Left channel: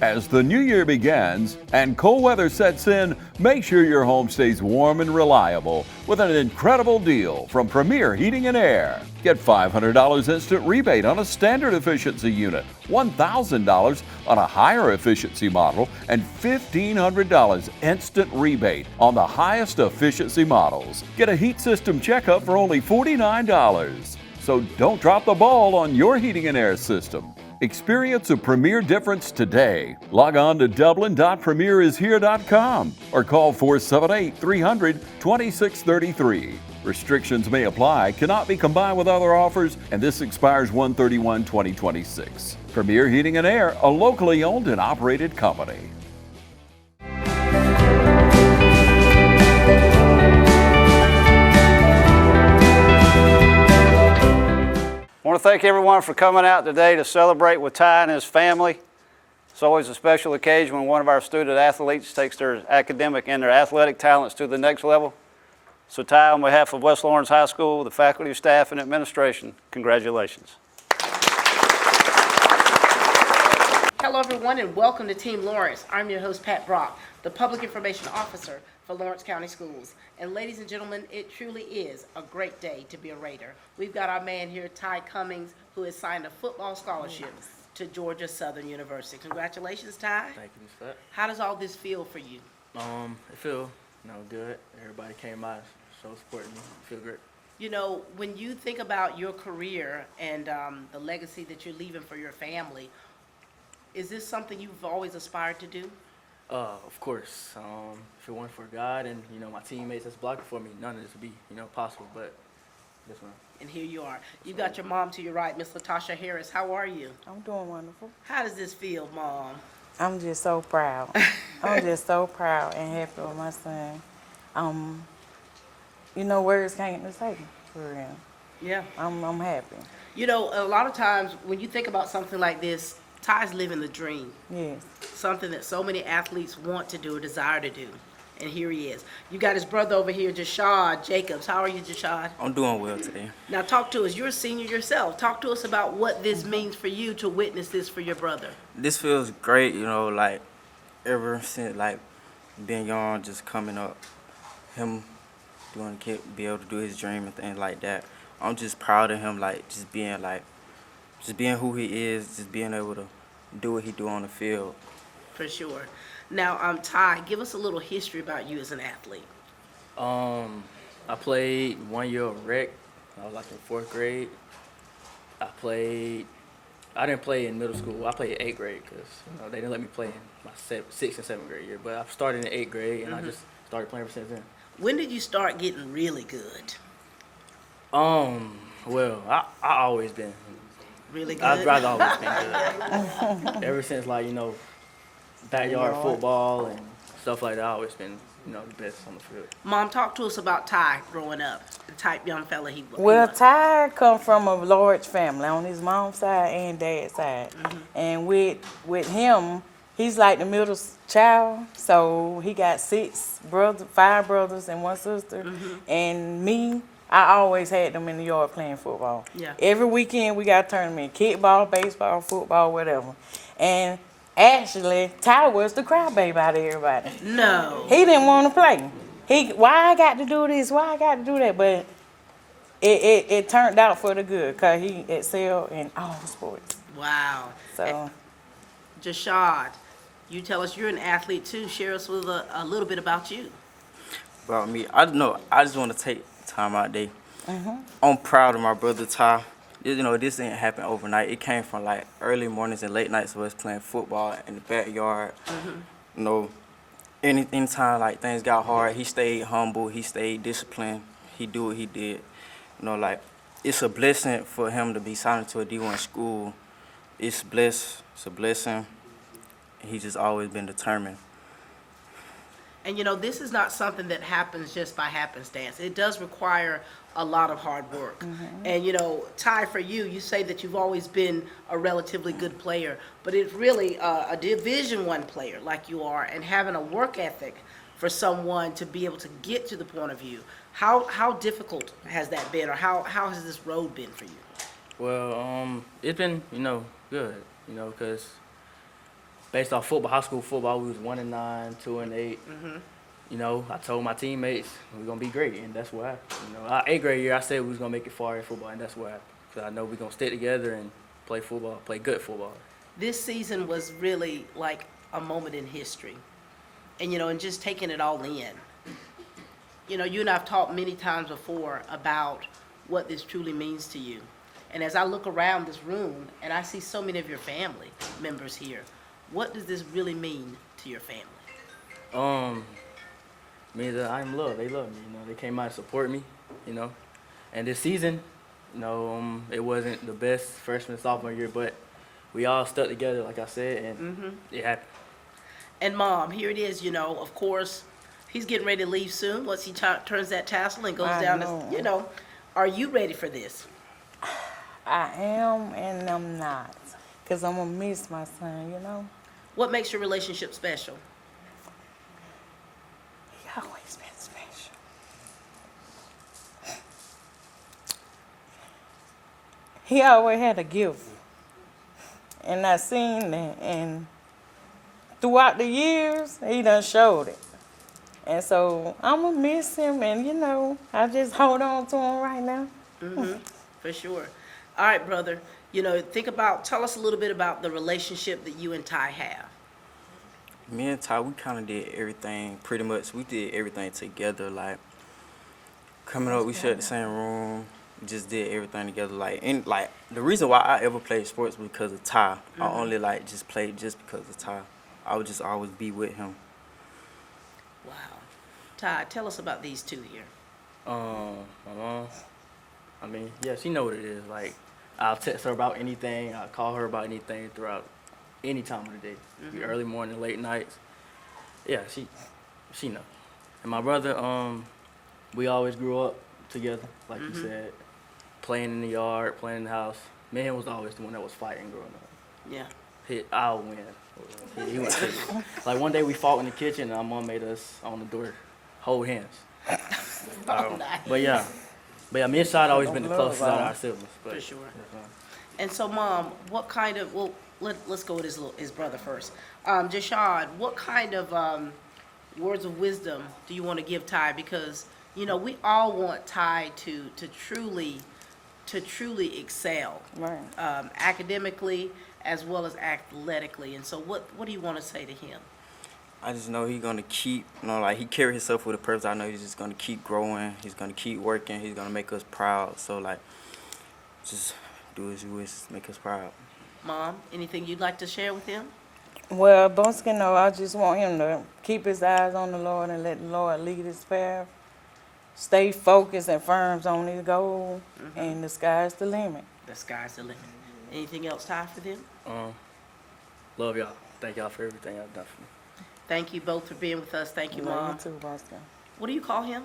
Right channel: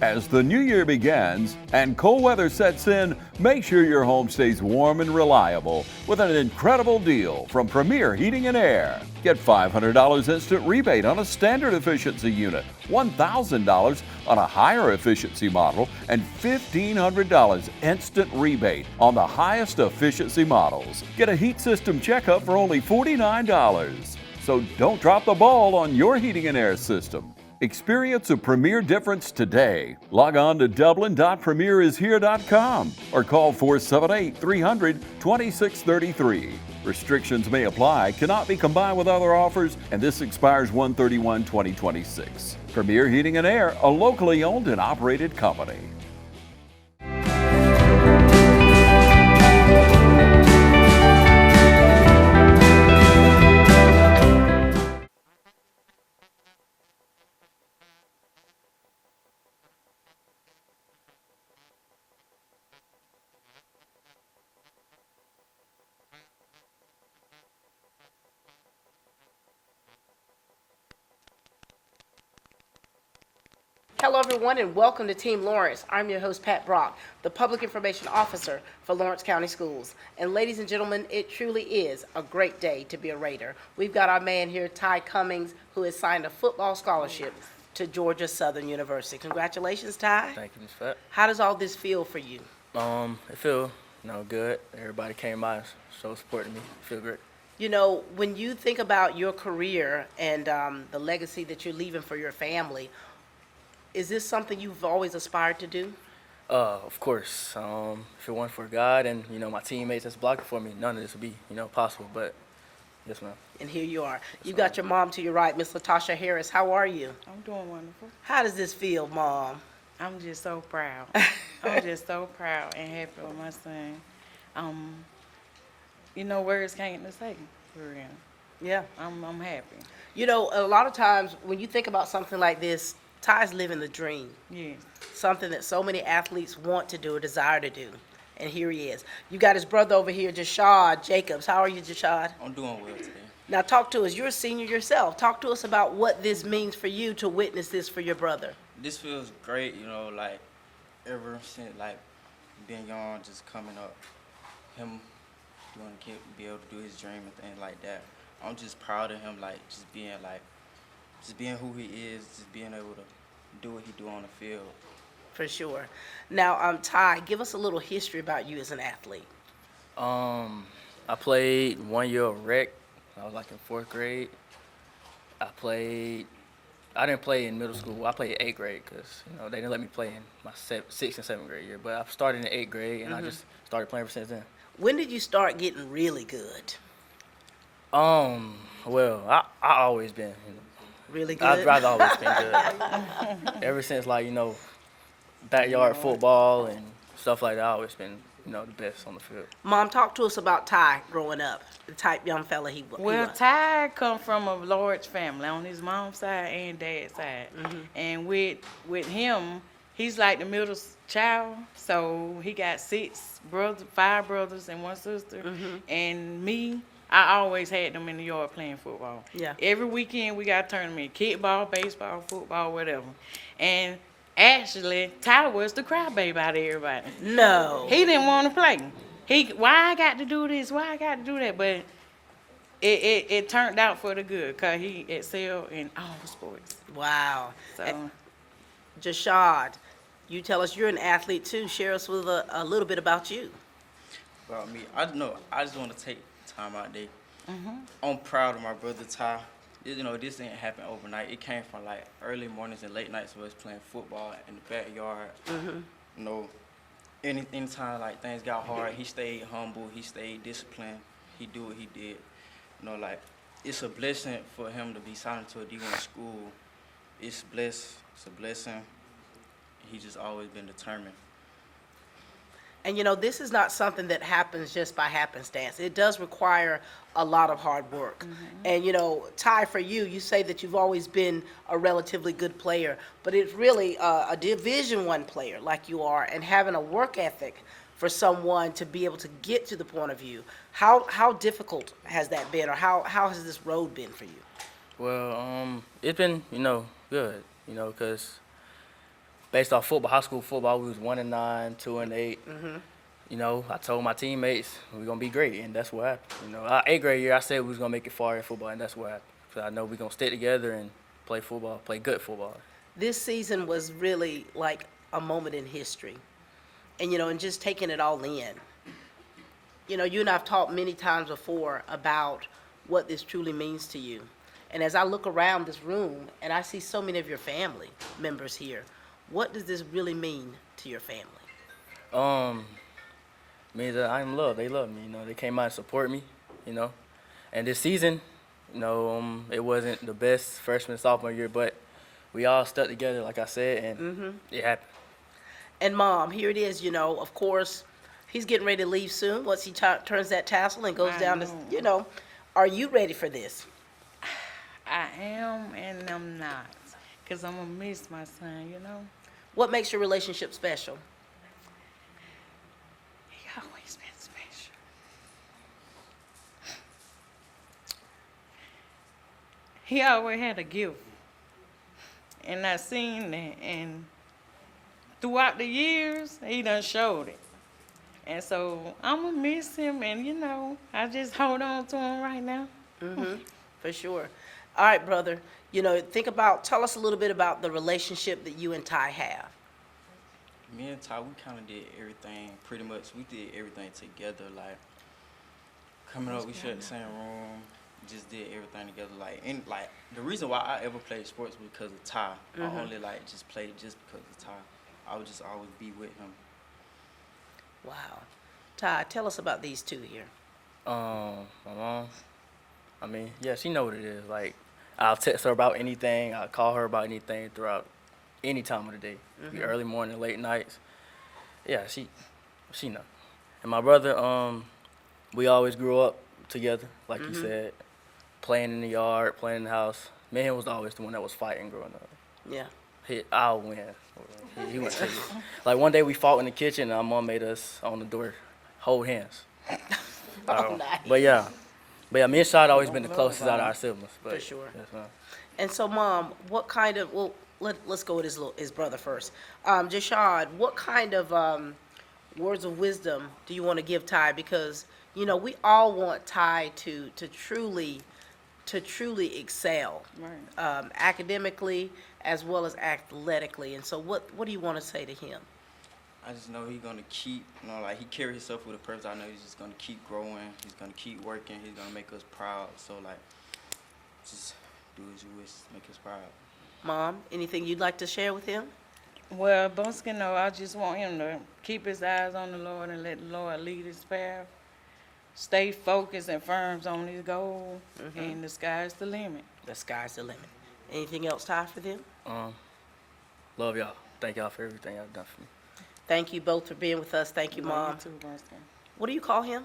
As the new year begins and cold weather sets in, make sure your home stays warm and reliable with an incredible deal from Premier Heating and Air. Get $500 instant rebate on a standard efficiency unit, $1,000 on a higher efficiency model, and $1,500 instant rebate on the highest efficiency models. Get a heat system checkup for only $49. So don't drop the ball on your heating and air system. Experience a Premier difference today. Log on to dublin.premierishere.com or call 478-300-2633. Restrictions may apply, cannot be combined with other offers, and this expires 1/31/2026. Premier Heating and Air, a locally owned and operated company. I want to thank everyone for coming out today to celebrate with Ty and his family. It's always a special occasion when one of our student athletes takes their academic and their athletic talents to the next level. So Ty, on behalf of West Lawrence High School, the faculty, staff, and administration, congratulations. Hello everyone and welcome to Team Lawrence. I'm your host Pat Brock, the Public Information Officer for Lawrence County Schools. And ladies and gentlemen, it truly is a great day to be a Raider. We've got our man here, Ty Cummings, who has signed a football scholarship to Georgia Southern University. Congratulations, Ty. Thank you, Ms. Fat. How does all this feel for you? It feel, good. Everybody came by, so supporting me. Feel great. You know, when you think about your career and the legacy that you're leaving for your family, is this something you've always aspired to do? Of course. If it weren't for God and, my teammates that's blocking for me, none of this would be, possible. But, yes, ma'am. And here you are. You've got your mom to your right, Miss Latasha Harris. How are you? I'm doing wonderful. How does this feel, Mom? I'm just so proud. I'm just so proud and happy with my son. Words can't describe for real. Yeah. I'm happy. You know, a lot of times when you think about something like this, Ty's living the dream. Yes. Something that so many athletes want to do or desire to do. And here he is. You got his brother over here, Jashad Jacobs. How are you, Jashad? I'm doing well today. Now talk to us. You're a senior yourself. Talk to us about what this means for you to witness this for your brother. This feels great, ever since, being young, just coming up, him be able to do his dream and things like that. I'm just proud of him, just being who he is, just being able to do what he do on the field. For sure. Now, Ty, give us a little history about you as an athlete. I played 1 year of rec. I was in 4th grade. I didn't play in middle school. I played in 8th grade because they didn't let me play in my 6th and 7th grade year. But I started in 8th grade and I just started playing ever since then. When did you start getting really good? Well, I always been really good. I've always been good. Ever since backyard football and stuff like that, I've always been the best on the field. Mom, talk to us about Ty growing up, the type young fella he was. Well, Ty come from a large family on his mom's side and dad's side. And with him, he's like the middle child, so he got 5 brothers and 1 sister. And me, I always had them in the yard playing football. Yeah. Every weekend we got a tournament, kickball, baseball, football, whatever. And actually, Ty was the crybaby out of everybody. No. He didn't want to play. Why I got to do this? Why I got to do that? But it turned out for the good because he excelled in all sports. Wow. So, Jashad, you tell us you're an athlete too. Share us with a little bit about you. About me, I just want to take time out there. I'm proud of my brother Ty. This didn't happen overnight. It came from early mornings and late nights of us playing football in the backyard. Anytime things got hard, he stayed humble. He stayed disciplined. He do what he did. It's a blessing for him to be signed to a D1 school. It's a blessing. He's just always been determined. And this is not something that happens just by happenstance. It does require a lot of hard work. And Ty, for you say that you've always been a relatively good player, but it's really a Division I player like you are, and having a work ethic for someone to be able to get to the point of view. How difficult has that been, or how has this road been for you? Well, it's been, good, because based off football, high school football, we was 1-9, 2-8. You know, I told my teammates we're gonna be great, and that's what happened. You know, our 8th grade year, I said we was gonna make it far in football, and that's what happened. Cause I know we're gonna stick together and play football, play good football. This season was really like a moment in history, and and just taking it all in. You and I've talked many times before about what this truly means to you. And as I look around this room and I see so many of your family members here, what does this really mean to your family? I'm loved. They love me. You know, they came out and support me. You know, and this season, it wasn't the best freshman sophomore year, but we all stood together, like I said, and it happened. And Mom, here it is. Of course, he's getting ready to leave soon. Once he turns that tassel and goes down, are you ready for this? I am and I'm not, because I'm going to miss my son, What makes your relationship special? He always been special. He always had a gift. And I seen that, and throughout the years, he done showed it. And so I'm going to miss him, and, I just hold on to him right now. For sure. All right, brother. Tell us a little bit about the relationship that you and Ty have. Me and Ty, we kind of did everything, pretty much. We did everything together. Like, coming up, we shared the same room. Just did everything together. The reason why I ever played sports was because of Ty. I only, just played just because of Ty. I would just always be with him. Wow. Ty, tell us about these two here. Yeah, she know what it is. Like, I'll text her about anything. I'll call her about anything throughout any time of the day. The early morning, late nights. Yeah, she know. And my brother, we always grew up together, like you said, playing in the yard, playing in the house. Me and him was always the one that was fighting growing up. Yeah. I'll win. He was like one day we fought in the kitchen and our mom made us on the door hold hands. Nice. But yeah, me and Shad always been the closest out of our siblings. But, For sure. And so, Mom, what kind of, let's go with his brother first. Jashad, what kind of words of wisdom do you want to give Ty? Because, we all want Ty to truly excel, Right. academically as well as athletically. And so what do you want to say to him? I just know he's gonna keep, he carry himself with a purpose. I know he's just gonna keep growing. He's gonna keep working. He's gonna make us proud. So just do as you wish, make us proud. Mom, anything you'd like to share with him? Well, Bonsky, no, I just want him to keep his eyes on the Lord and let the Lord lead his path. Stay focused and firm on his goal, and the sky's the limit. The sky's the limit. Anything else, Ty, for them? Love y'all. Thank y'all for everything y'all done for me. Thank you both for being with us. Thank you, Mom. Love you too, Bonsky. What do you call him?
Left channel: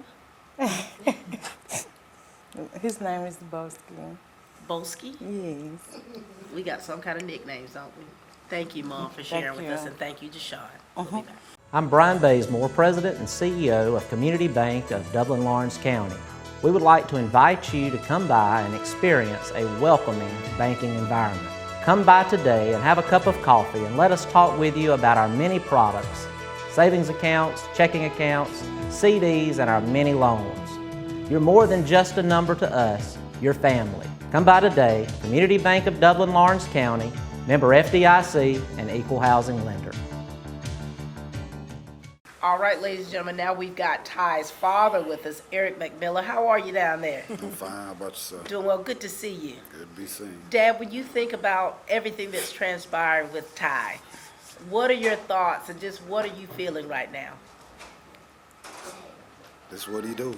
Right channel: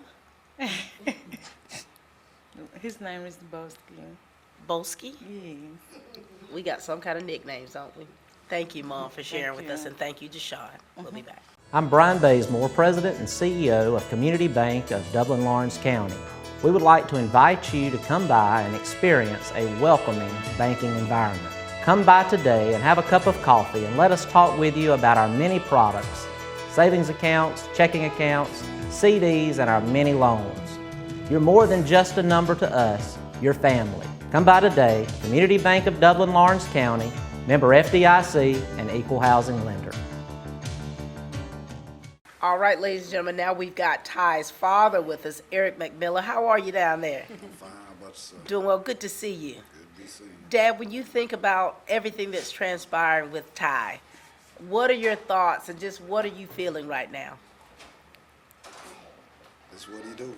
His name is Bonsky. Boski? Yes. We got some kind of nicknames, don't we? Thank you, Mom, for sharing with you. us, and thank you, Jashad. We'll be back. I'm Brian Bazemore, President and CEO of Community Bank of Dublin-Lawrence County. We would like to invite you to come by and experience a welcoming banking environment. Come by today and have a cup of coffee and let us talk with you about our many products, savings accounts, checking accounts, CDs, and our many loans. You're more than just a number to us, you're family. Come by today, Community Bank of Dublin-Lawrence County, member FDIC, and equal housing lender. All right, ladies and gentlemen, now we've got Ty's father with us, Eric McMillan. How are you down there? I'm fine. How about yourself? Doing well. Good to see you. Good to be seen. Dad, when you think about everything that's transpired with Ty, what are your thoughts and just what are you feeling right now? That's what he do.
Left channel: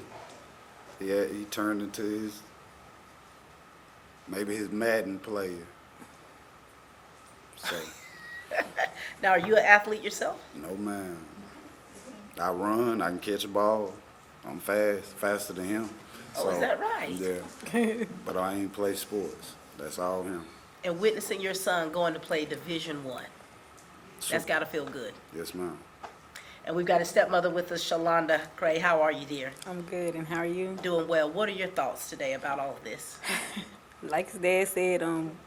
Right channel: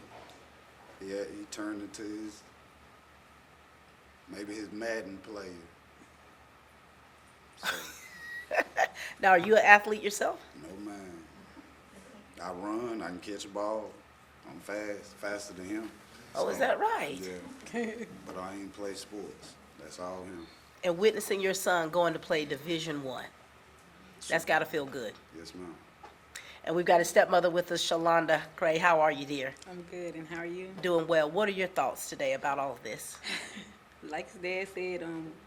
He turned into maybe his Madden player. So, Now, are you an athlete yourself? no man. I run. I can catch a ball. I'm faster than him. Oh, is that right? Yeah. But I ain't play sports. That's all him. And witnessing your son going to play Division I, that's got to feel good. Yes, ma'am. And we've got a stepmother with us, Shalonda Gray. How are you, dear? I'm good, and how are you? Doing well. What are your thoughts today about all of this? Like his dad said,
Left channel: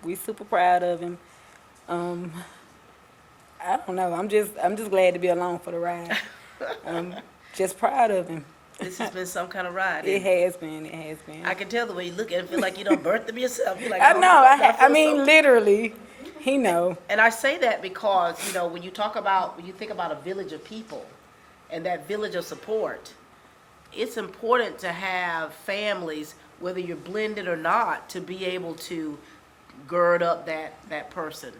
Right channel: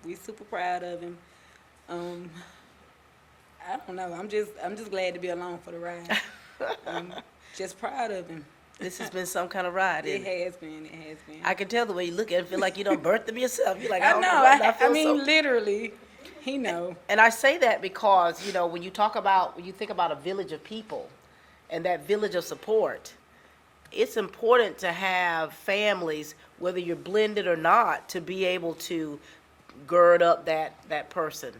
we super proud of him. I don't don't know. I'm just glad to be along for the ride. I'm just proud of him. This has been some kind of ride. It has been. It has been. I can tell the way you look at it. Feel like you don't birth them yourself. You're like, I oh, know. I I feel mean, so- literally, he know. And I say that because, you know, when you think about a village of people and that village of support, it's important to have families, whether you're blended or not, to be able to gird up that person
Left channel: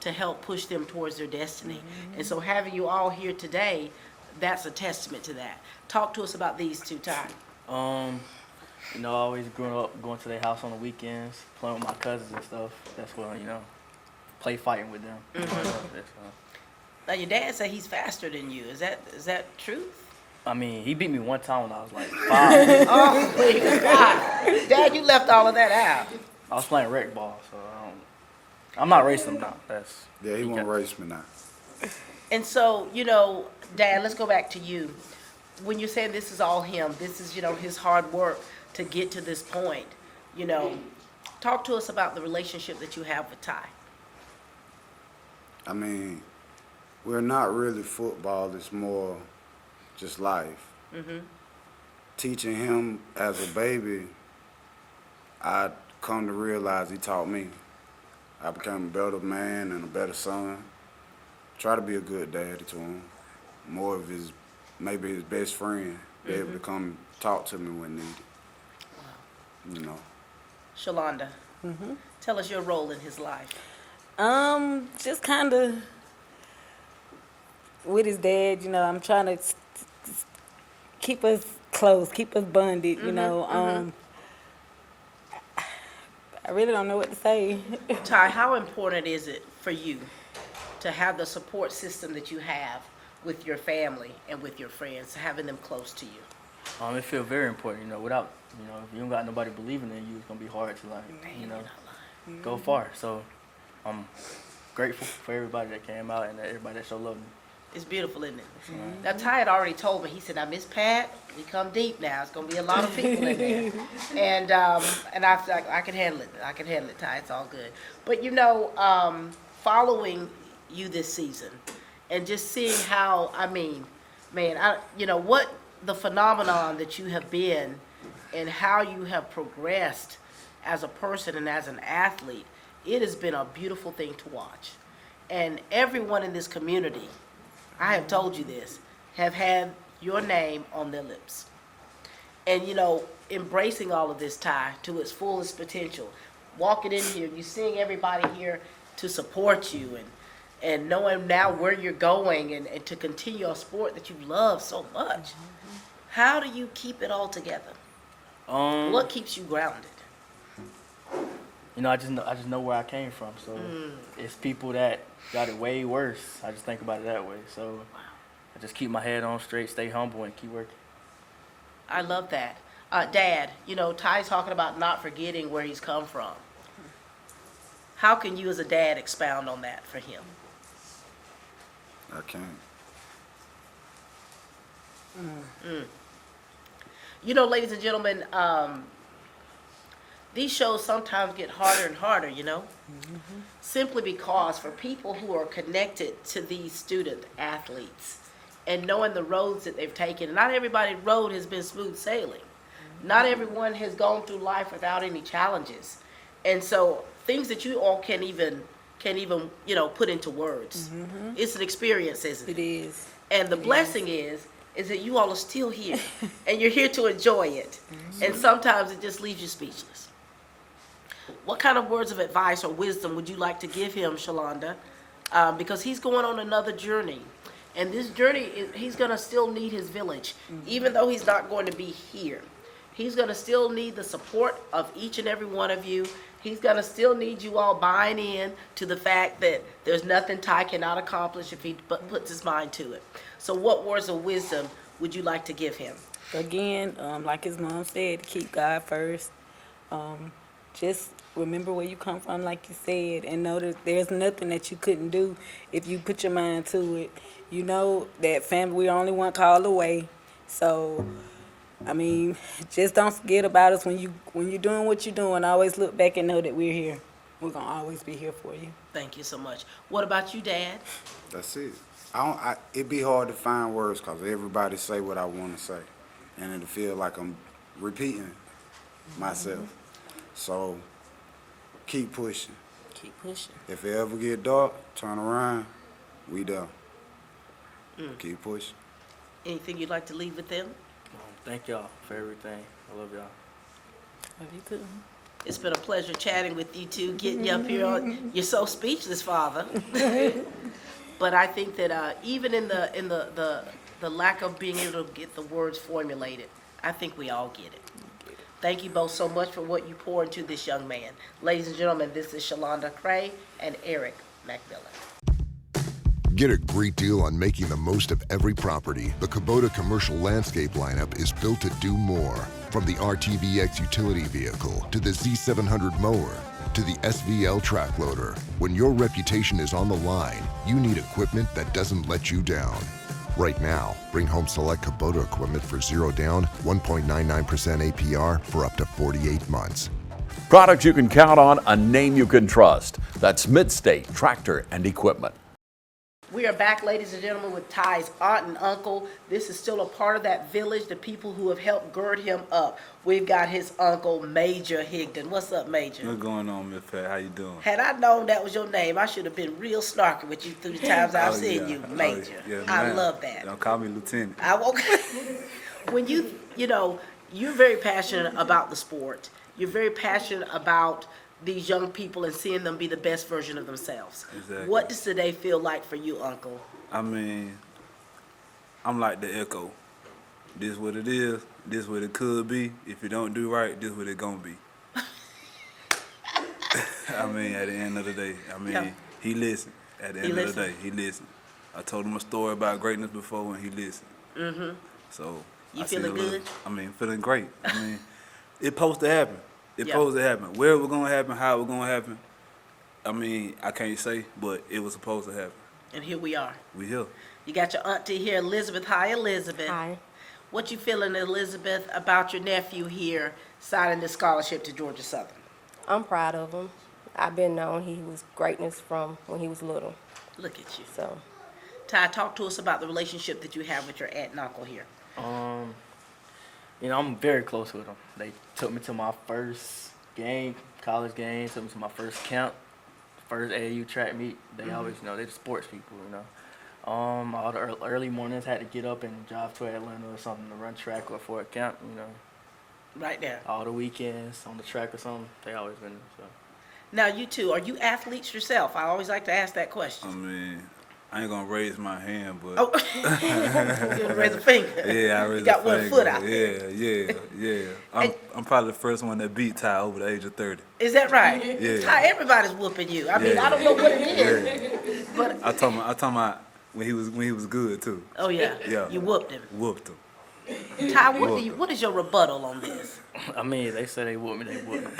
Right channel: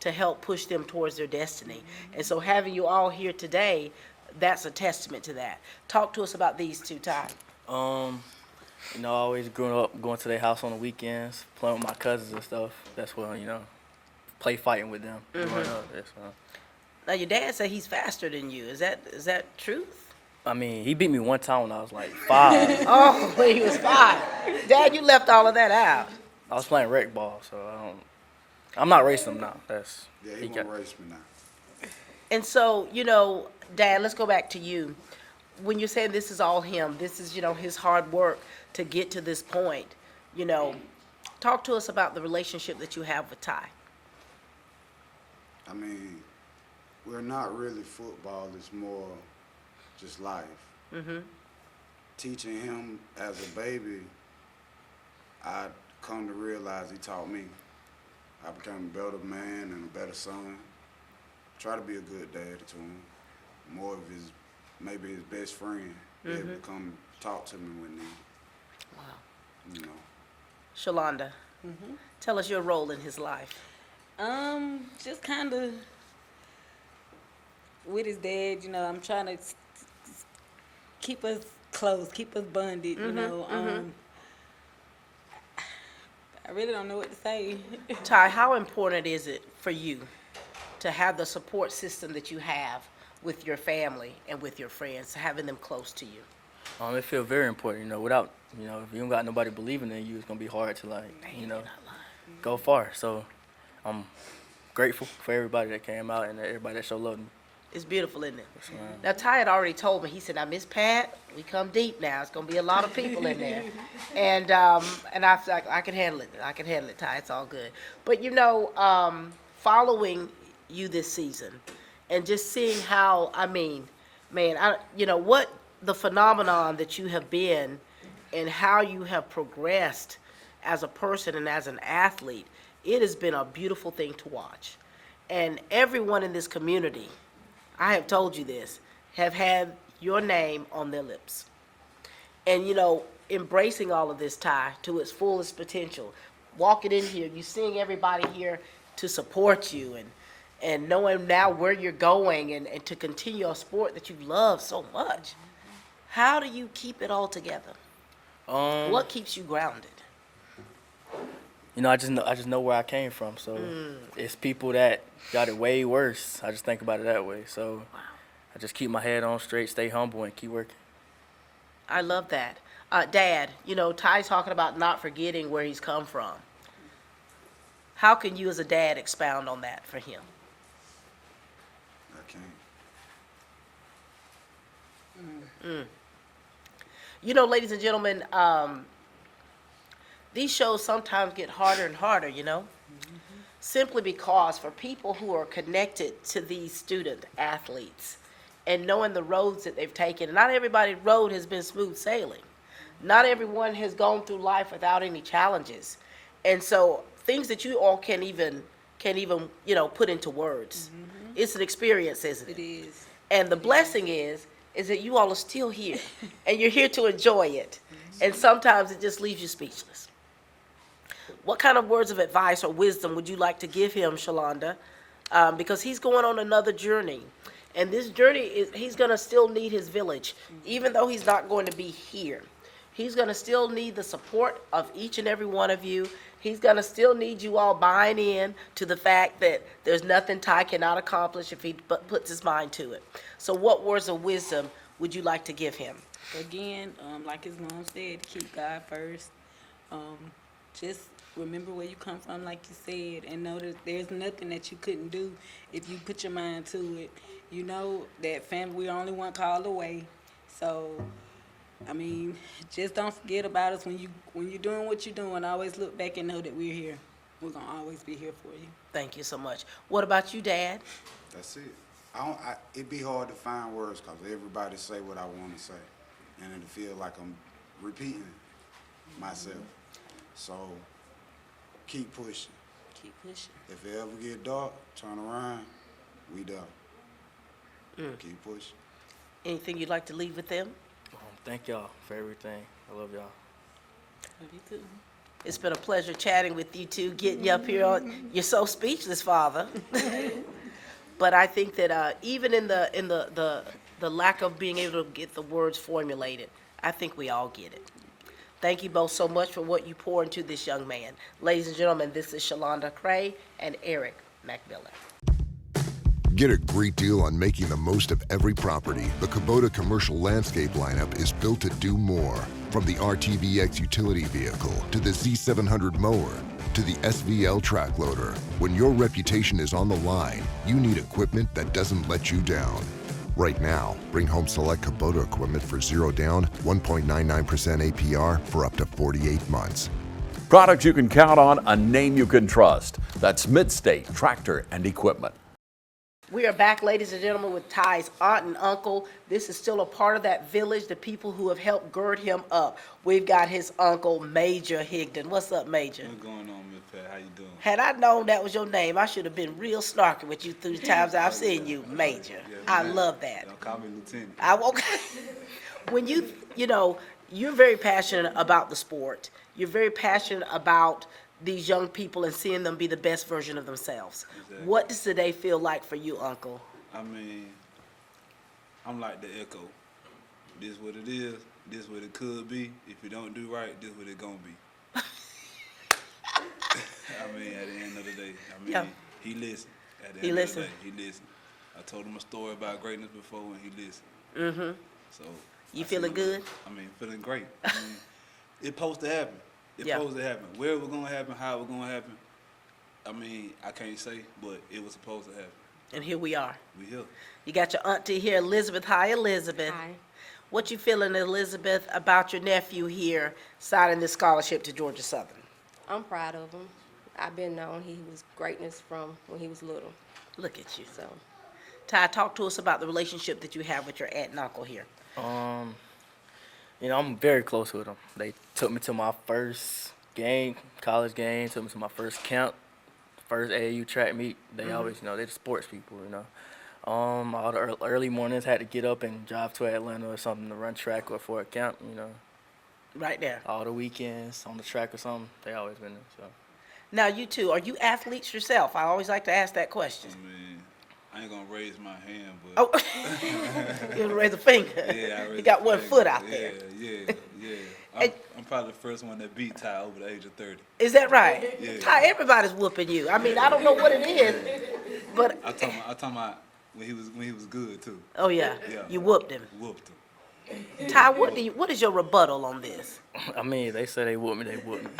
to help push them towards their destiny. And so having you all here today, that's a testament to that. Talk to us about these two, Ty. You know, I always grew up going to their house on the weekends, playing with my cousins and stuff. That's where, you know, play fighting with them. I love this, man. Now your dad said he's faster than you. Is that truth? I mean, he beat me one time when I was like 5. Oh, when he was 5. Dad, you left all of that out. I was playing rec ball, so I'm not racing him now. Yeah, he won't race me now. And so, you know, Dad, let's go back to you. When you're saying this is all him, this is, you know, his hard work to get to this point, you know, talk to us about the relationship that you have with Ty. I mean, we're not really football. It's more just life. Teaching him as a baby, I come to realize he taught me. I became a better man and a better son. Try to be a good dad to him. More of maybe his best friend. Be able to come talk to me when needed. You know. Shalonda, tell us your role in his life. Just kind of with his dad, you know, I'm trying to keep us close, keep us bonded, you know. I really don't know what to say. Ty, how important is it for you to have the support system that you have with your family and with your friends, having them close to you? It feels very important, you know, without, you know, if you don't got nobody believing in you, it's going to be hard to, like, you know, go far. So I'm grateful for everybody that came out and everybody that showed love to me. It's beautiful, isn't it? Now, Ty had already told me, he said, now, Miss Pat, we come deep now. It's going to be a lot of people in there. And I was like, I can handle it. I can handle it, Ty. It's all good. But, you know, following you this season and just seeing how, I mean, man, you know, what the phenomenon that you have been and how you have progressed as a person and as an athlete, it has been a beautiful thing to watch. And everyone in this community, I have told you this, have had your name on their lips. And, you know, embracing all of this, Ty, to its fullest potential. Walking in here, you seeing everybody here to support you and knowing now where you're going and to continue a sport that you love so much. How do you keep it all together? What keeps you grounded? You know, I just know where I came from. So it's people that got it way worse. I just think about it that way. So I just keep my head on straight, stay humble, and keep working. I love that. Dad, you know, Ty's talking about not forgetting where he's come from. How can you as a dad expound on that for him? I can't. You know, ladies and gentlemen, these shows sometimes get harder and harder, you know? Simply because for people who are connected to these student athletes and knowing the roads that they've taken, not everybody's road has been smooth sailing. Not everyone has gone through life without any challenges. And so things that you all can't even, you know, put into words. It's an experience, isn't it? It is. And the blessing is that you all are still here and you're here to enjoy it. And sometimes it just leaves you speechless. What kind of words of advice or wisdom would you like to give him, Shalonda? Because he's going on another journey. And this journey, he's going to still need his village, even though he's not going to be here. He's going to still need the support of each and every one of you. He's going to still need you all buying in to the fact that there's nothing Ty cannot accomplish if he puts his mind to it. So what words of wisdom would you like to give him? Again, like his mom said, keep God first. Just remember where you come from, like you said, and know that there's nothing that you couldn't do if you put your mind to it. You know that family, we're only one call away. So, I mean, just don't forget about us when you're doing what you're doing. Always look back and know that we're here. we're gonna always be here for you. Thank you so much. What about you, Dad? That's it. It'd be hard to find words because everybody say what I want to say. And it'll feel like I'm repeating myself. So keep pushing. Keep pushing. If it ever get dark, turn around, we done. Keep pushing. Anything you'd like to leave with them? Thank y'all for everything. I love y'all. Love you too. It's been a pleasure chatting with you two, getting you up here. You're so speechless, Father. But I think that even in the lack of being able to get the words formulated, I think we all get it. Thank you both so much for what you pour into this young man. Ladies and gentlemen, this is Shalonda Cray and Eric McMillan. Get a great deal on making the most of every property. The Kubota commercial landscape lineup is built to do more. From the RTVX utility vehicle to the Z700 mower to the SVL track loader. When your reputation is on the line, you need equipment that doesn't let you down. Right now, bring home select Kubota equipment for 0 down, 1.99% APR for up to 48 months. Products you can count on, a name you can trust. That's Midstate Tractor and Equipment. We are back, ladies and gentlemen, with Ty's aunt and uncle. This is still a part of that village, the people who have helped gird him up. We've got his uncle, Major Higdon. What's up, Major? What's going on, Miss Pat? How you doing? Had I known that was your name, I should have been real snarky with you through the times I've seen you, Major. I love that. Don't call me Lieutenant. I won't. When you're very passionate about the sport. You're very passionate about these young people and seeing them be the best version of themselves. Exactly. What does today feel like for you, Uncle? I mean, I'm like the echo. This what it is. This what it could be. If you don't do right, this what it gonna be. I mean, at the end of the day, he listened. At the end of the day, he listened. I told him a story about greatness before, and he listened. Mm-hmm. So you feeling good? Feeling great. It's supposed to happen. It's supposed to happen. Where it was gonna happen, how it was gonna happen, I can't say, but it was supposed to happen. And here we are. We here. You got your auntie here, Elizabeth. Hi, Elizabeth. Hi. What you feeling, Elizabeth, about your nephew here signing the scholarship to Georgia Southern? I'm proud of him. I've been known he was greatness from when he was little. Look at you. So, Ty, talk to us about the relationship that you have with your aunt and uncle here. I'm very close with them. They took me to my first game, college game, took me to my first camp, first AAU track meet. They always they're the sports people, All the early mornings had to get up and drive to Atlanta or something to run track or for a camp, Right there. All the weekends on the track or something, they always been there, so. Now, you two, are you athletes yourself? I always like to ask that question. I ain't gonna raise my hand, but. Oh, you're gonna raise a finger. Yeah, I raised. You got one foot out there. Yeah. I'm probably the first one that beat Ty over the age of 30. Is that right? Yeah. Ty, everybody's whooping you. I mean, I don't know what it is, but I talking about when he was good too. oh yeah, you whooped him. Whooped him. Ty, what is your rebuttal on this? They say they whoop me, they whoop me.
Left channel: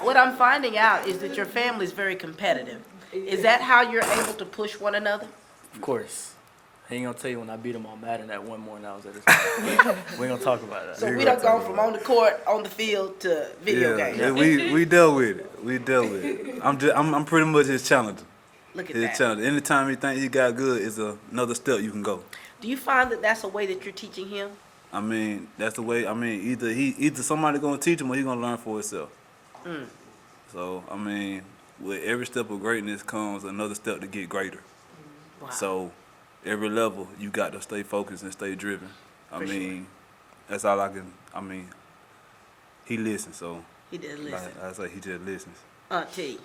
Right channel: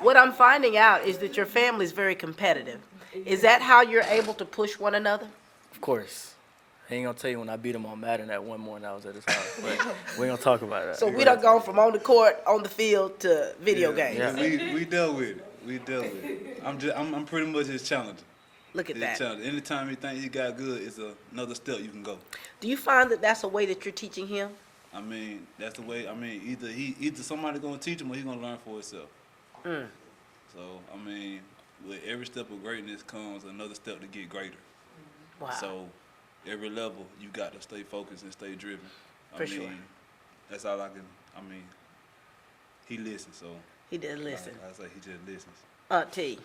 What I'm finding out is that your family's very competitive. Is that how you're able to push one another? Of course. I ain't gonna tell you when I beat him on Madden that one morning I was at his house. But we ain't gonna talk about that. So we done gone from on the court, on the field to video games. Yeah, we dealt with it. I'm pretty much his challenger. Look at His that. challenger. Anytime he think he got good, it's another step you can go. Do you find that that's a way that you're teaching him? That's the way. Either somebody gonna teach him or he gonna learn for himself. So with every step of greatness comes another step to get greater. Wow. So every level you got to stay focused and stay driven. Sure. That's all I can. He listens. So He did listen. I say he just listens. T,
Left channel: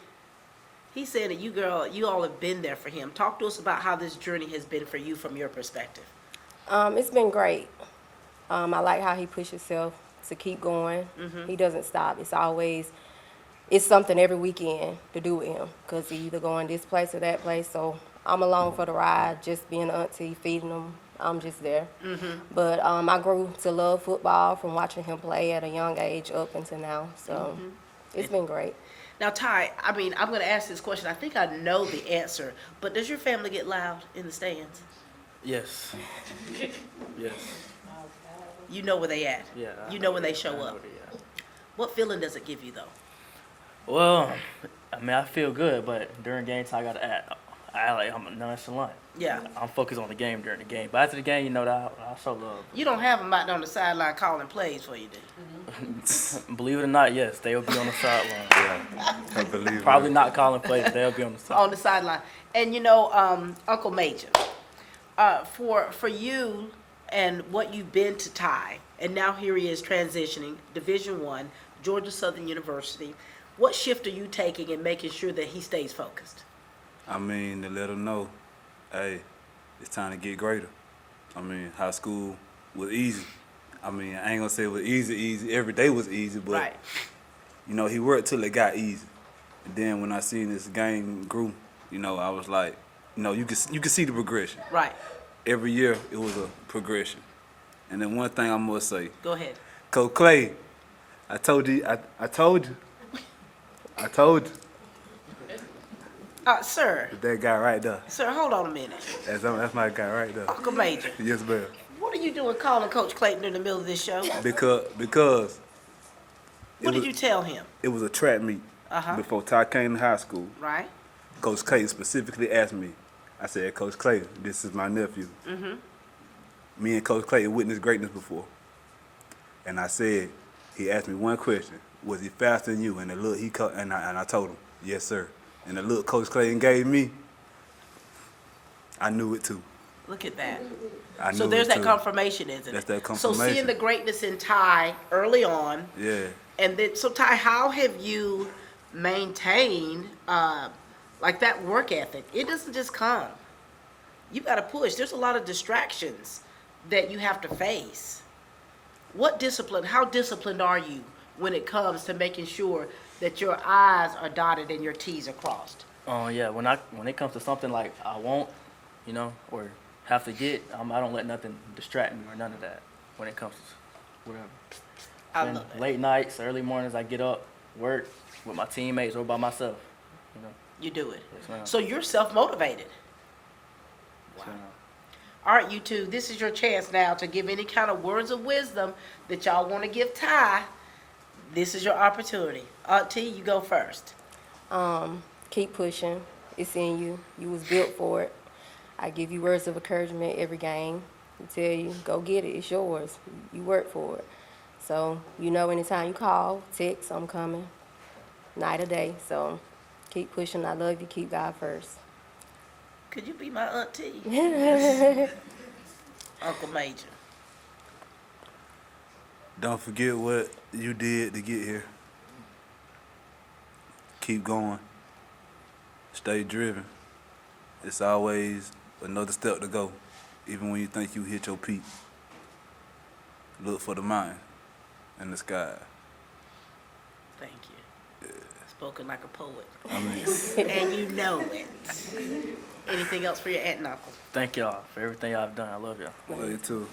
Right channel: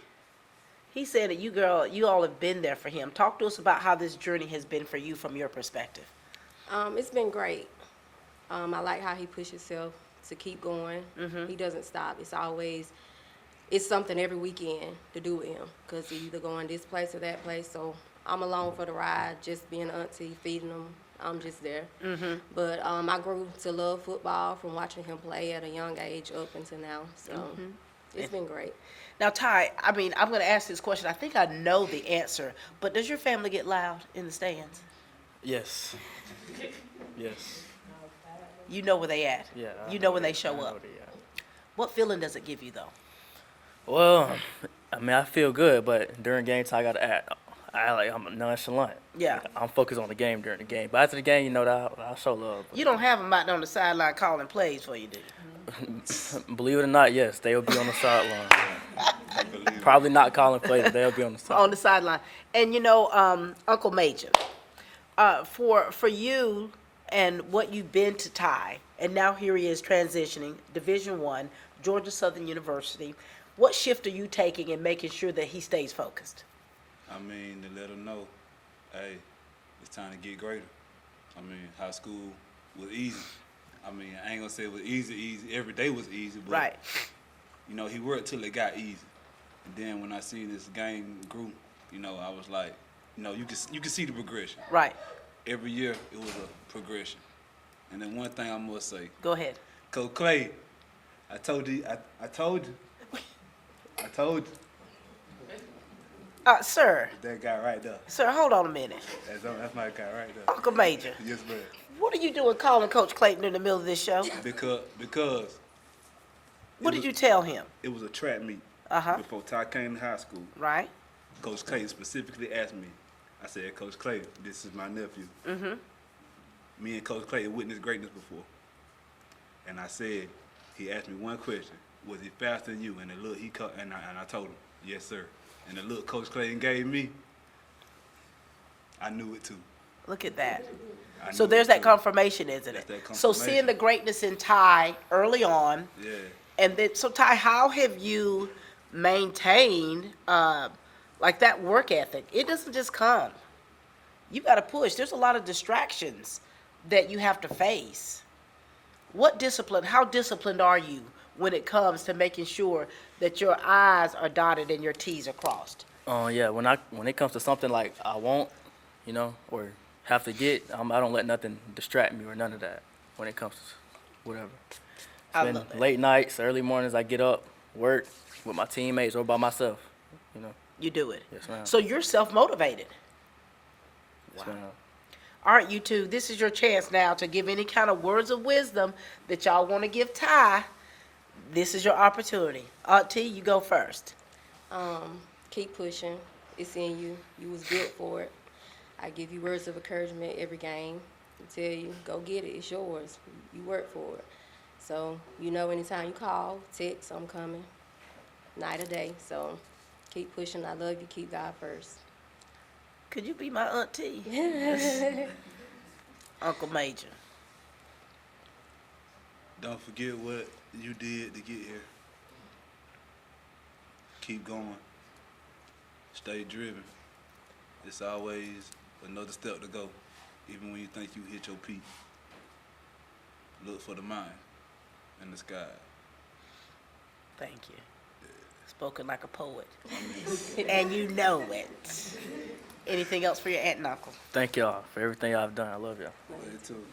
he said that you all have been there for him. Talk to us about how this journey has been for you from your perspective. it's been great. I like how he pushes himself to keep going. He doesn't stop. It's something every weekend to do with him because he either going this place or that place. So I'm along for the ride, just being auntie, feeding him. I'm just there. But I grew to love football from watching him play at a young age up until now. So it's been great. Now, Ty, I'm going to ask this question. I think I know the answer, but does your family get loud in the stands? Yes. Yes. You know where they at. Yeah. You know when they show up. Yeah. What feeling does it give you, though? Well, I mean, I feel good, but during game time, I gotta act. I'm nonchalant. Yeah. I'm focused on the game during the game. But after the game, you know, I show love. You don't have them out there on the sideline calling plays for you, do you? Believe it or not, yes, they'll be on the sideline. I believe Probably not calling plays, but they'll be on the sideline. On the sideline. And you know, Uncle Major, for you and what you've been to Ty, and now here he is transitioning, Division I, Georgia Southern University. What shift are you taking in making sure that he stays focused? I mean, to let them know, hey, it's time to get greater. I mean, high school was easy. I mean, I ain't gonna say it was easy. Every day was easy, but Right. you know, he worked till it got easy. And then when I seen this game grew, you know, I was like, you know, you can see the progression. Right. Every year it was a progression. And then one thing I must say, Go ahead. Coach Clay, I told you. Sir, That guy right there. sir, hold on a minute. That's my guy right there. Uncle Major, Yes, ma'am. what are you doing calling Coach Clayton in the middle of this show? Because What did you tell him? it was a track meet before Ty came to high school. Right? Coach Clayton specifically asked me. I said, Coach Clayton, this is my nephew. Me and Coach Clayton witnessed greatness before. And I said, he asked me one question: was he faster than you? And the look and I told him, yes, sir. And the look Coach Clayton gave me, I knew it too. Look at that. I So knew there's it that too. confirmation, isn't it? That's that So confirmation. seeing the greatness in Ty early on, Yeah. and then, so Ty, how have you maintained like that work ethic? It doesn't just come. You got to push. There's a lot of distractions that you have to face. How disciplined are you when it comes to making sure that your I's are dotted and your T's are crossed? Yeah, when it comes to something like I want, you know, or have to get, I don't let nothing distract me or none of that when it comes to whatever. I Then love that. late nights, early mornings, I get up, work with my teammates or by myself. You know. You do it. Yes, ma'am. So you're self-motivated. Yes, ma'am. All right, you two, this is your chance now to give any kind of words of wisdom that y'all want to give Ty. This is your opportunity. T, you go first. Keep pushing. It's in you. You was built for it. I give you words of encouragement every game. I tell you, go get it. It's yours. You work for it. So, you know, anytime you call, text, I'm coming. Night or day. So, keep pushing. I love you. Keep God first. Could you be my auntie? Uncle Major. Don't forget what you did to get here. Keep going. Stay driven. It's always another step to go, even when you think you hit your peak. Look for the mountain and the sky. Thank you. Spoken like a poet. I mean, And you know it. Anything else for your aunt and uncle? Thank y'all for everything I've done. I love y'all. love you too.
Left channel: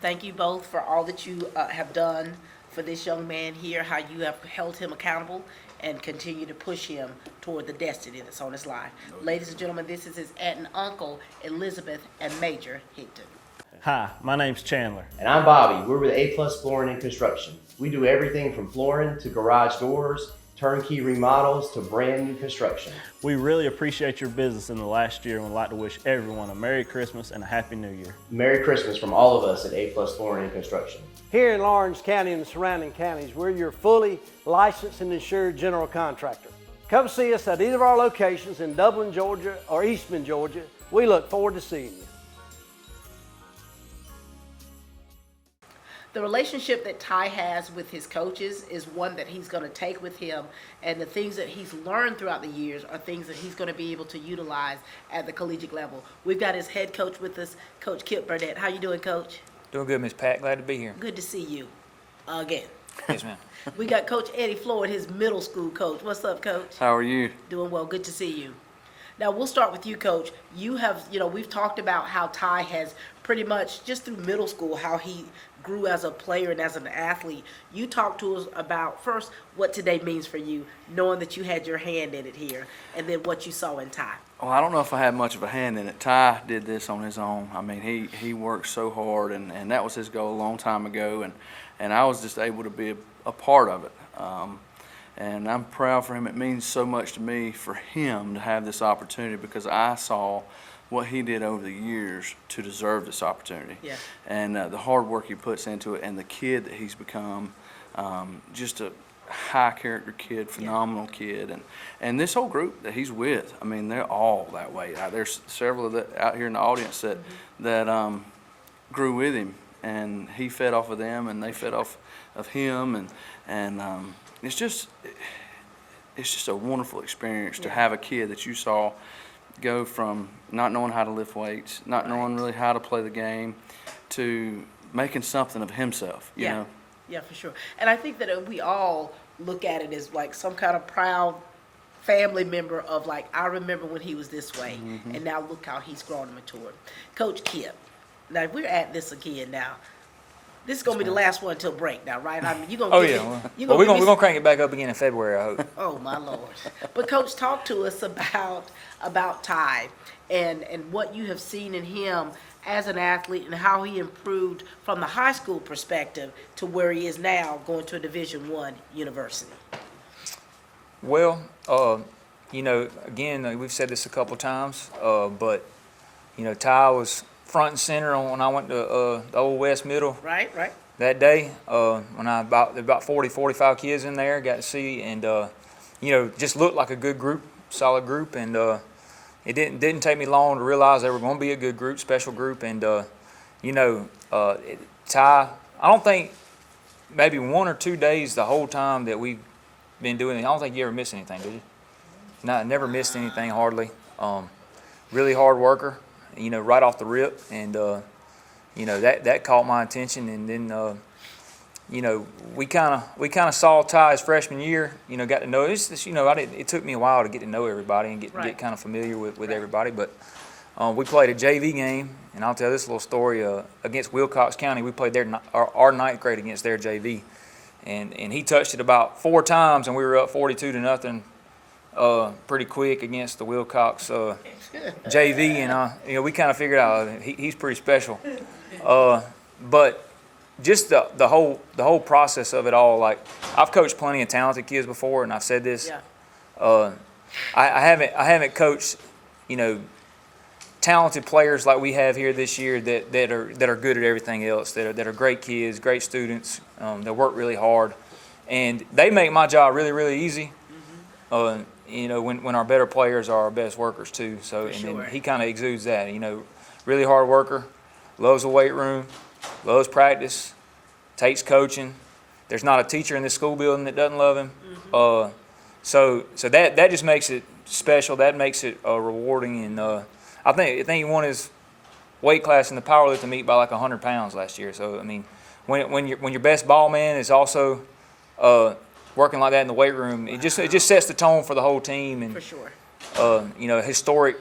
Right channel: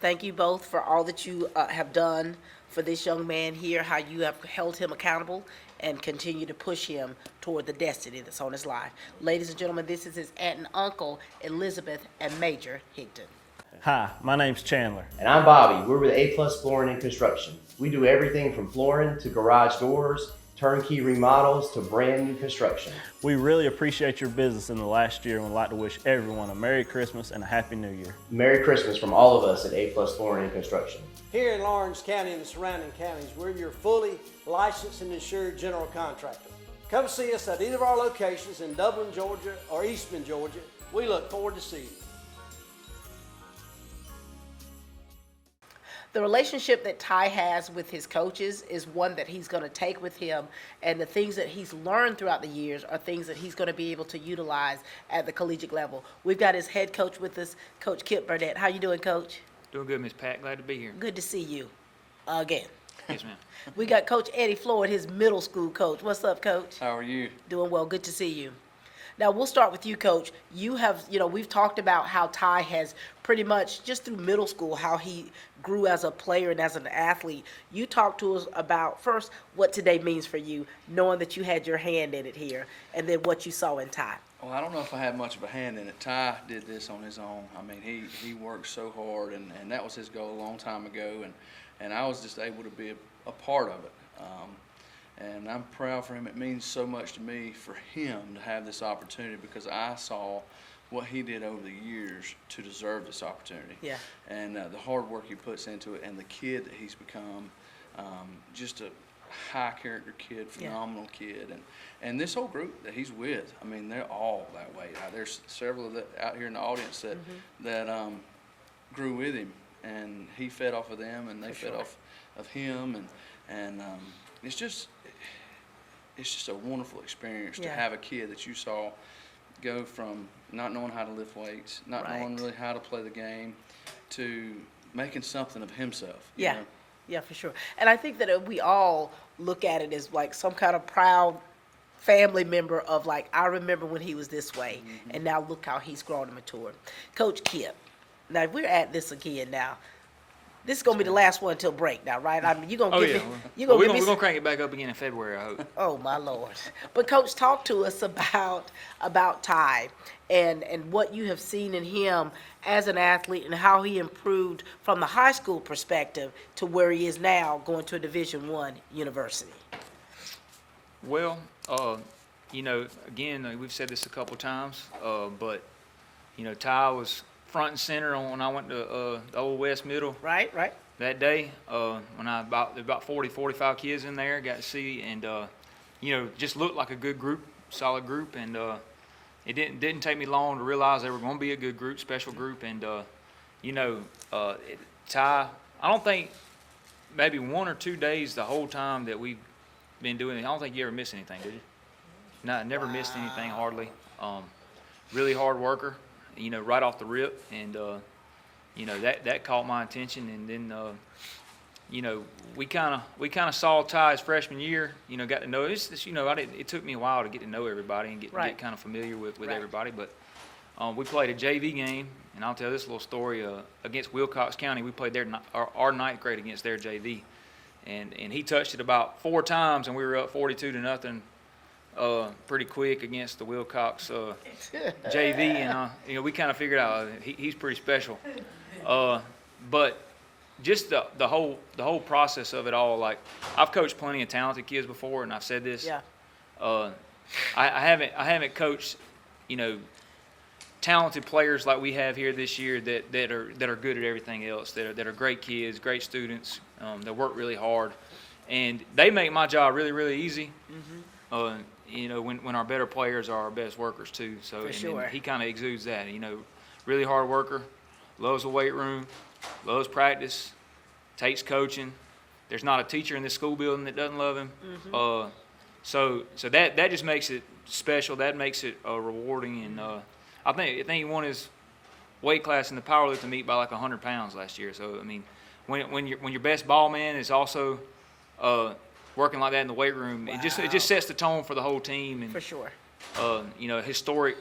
Thank you both for all that you have done for this young man here, how you have held him accountable and continue to push him toward the destiny that's on his life. Ladies and gentlemen, this is his aunt and uncle, Elizabeth and Major Higdon. Hi, my name's Chandler. And I'm Bobby. We're with A+ Flooring and Construction. We do everything from flooring to garage doors, turnkey remodels to brand new construction. We really appreciate your business in the last year and would like to wish everyone a Merry Christmas and a Happy New Year. Merry Christmas from all of us at A+ Flooring and Construction. Here in Lawrence County and the surrounding counties, we're your fully licensed and insured general contractor. Come see us at either of our locations in Dublin, Georgia or Eastman, Georgia. We look forward to seeing you. The relationship that Ty has with his coaches is one that he's going to take with him, and the things that he's learned throughout the years are things that he's going to be able to utilize at the collegiate level. We've got his head coach with us, Coach Kip Burnett. How you doing, Coach? Doing good, Miss Pat. Glad to be here. Good to see you again. Yes, ma'am. We got Coach Eddie Floyd, his middle school coach. What's up, Coach? How are you? Doing well. Good to see you. Now, we'll start with you, Coach. You have, we've talked about how Ty has pretty much, just through middle school, how he grew as a player and as an athlete. You talked to us about, first, what today means for you, knowing that you had your hand in it here, and then what you saw in Ty. Well, I don't know if I had much of a hand in it. Ty did this on his own. I mean, he worked so hard, and that was his goal a long time ago, and I was just able to be a part of it. And I'm proud for him. It means so much to me for him to have this opportunity because I saw what he did over the years to deserve this opportunity. Yeah. And the hard work he puts into it and the kid that he's become, just a high character kid, phenomenal kid. And this whole group that he's with, I mean, they're all that way. There's several of that out here in the audience that grew with him, and he fed off of them, and they fed off of him, and it's just a wonderful experience to have a kid that you saw go from not knowing how to lift weights, not knowing really how to play the game, to making something of himself. You know? Yeah, for sure. And I think that we all look at it as like some kind of proud family member of like, I remember when he was this way, and now look how he's grown and matured. Coach Kip, now we're at this again now. This is gonna be the last one until break now, right? I mean, you're gonna give me. We're gonna crank it back up again in February, I hope. Oh my Lord! But Coach, talk to us about Ty and what you have seen in him as an athlete and how he improved from the high school perspective to where he is now, going to a Division I university. Well, you know, again, we've said this a couple times, but you know, Ty was front and center when I went to the Old West Middle. Right. That day, when there were about 40, 45 kids in there, got to see, and you know, just looked like a good group, solid group, and it didn't take me long to realize they were going to be a good group, special group, and you know, Ty, I don't think maybe 1 or 2 days the whole time that we've been doing it, I don't think you ever missed anything, did you? No, never missed anything hardly. Really hard worker, you know, right off the rip, and you know, that caught my attention, and then you know, we kind of saw Ty his freshman year, you know, got to know it's you know, it took me a while to get to know everybody and get kind of familiar with everybody, but we played a JV game, and I'll tell this little story against Wilcox County. We played our ninth grade against their JV, and he touched it about 4 times, and we were up 42-0 pretty quick against the Wilcox JV, and you know, we kind of figured out he's pretty special, but just the whole process of it all, like, I've coached plenty of talented kids before, and I've said this. I haven't coached, you know, talented players like we have here this year that are good at everything else, that are great kids, great students, that work really hard, and they make my job really, really easy. You know, when our better players are our best workers too. So and he kind of exudes that. You know, really hard worker, loves the weight room, loves practice, takes coaching. There's not a teacher in this school building that doesn't love him. So that just makes it special. That makes it rewarding. And I think he won his weight class in the powerlifting meet by like 100 pounds last year. So I mean, when your best ball man is also working like that in the weight room, it just sets the tone for the whole team. And for sure, you know, historic,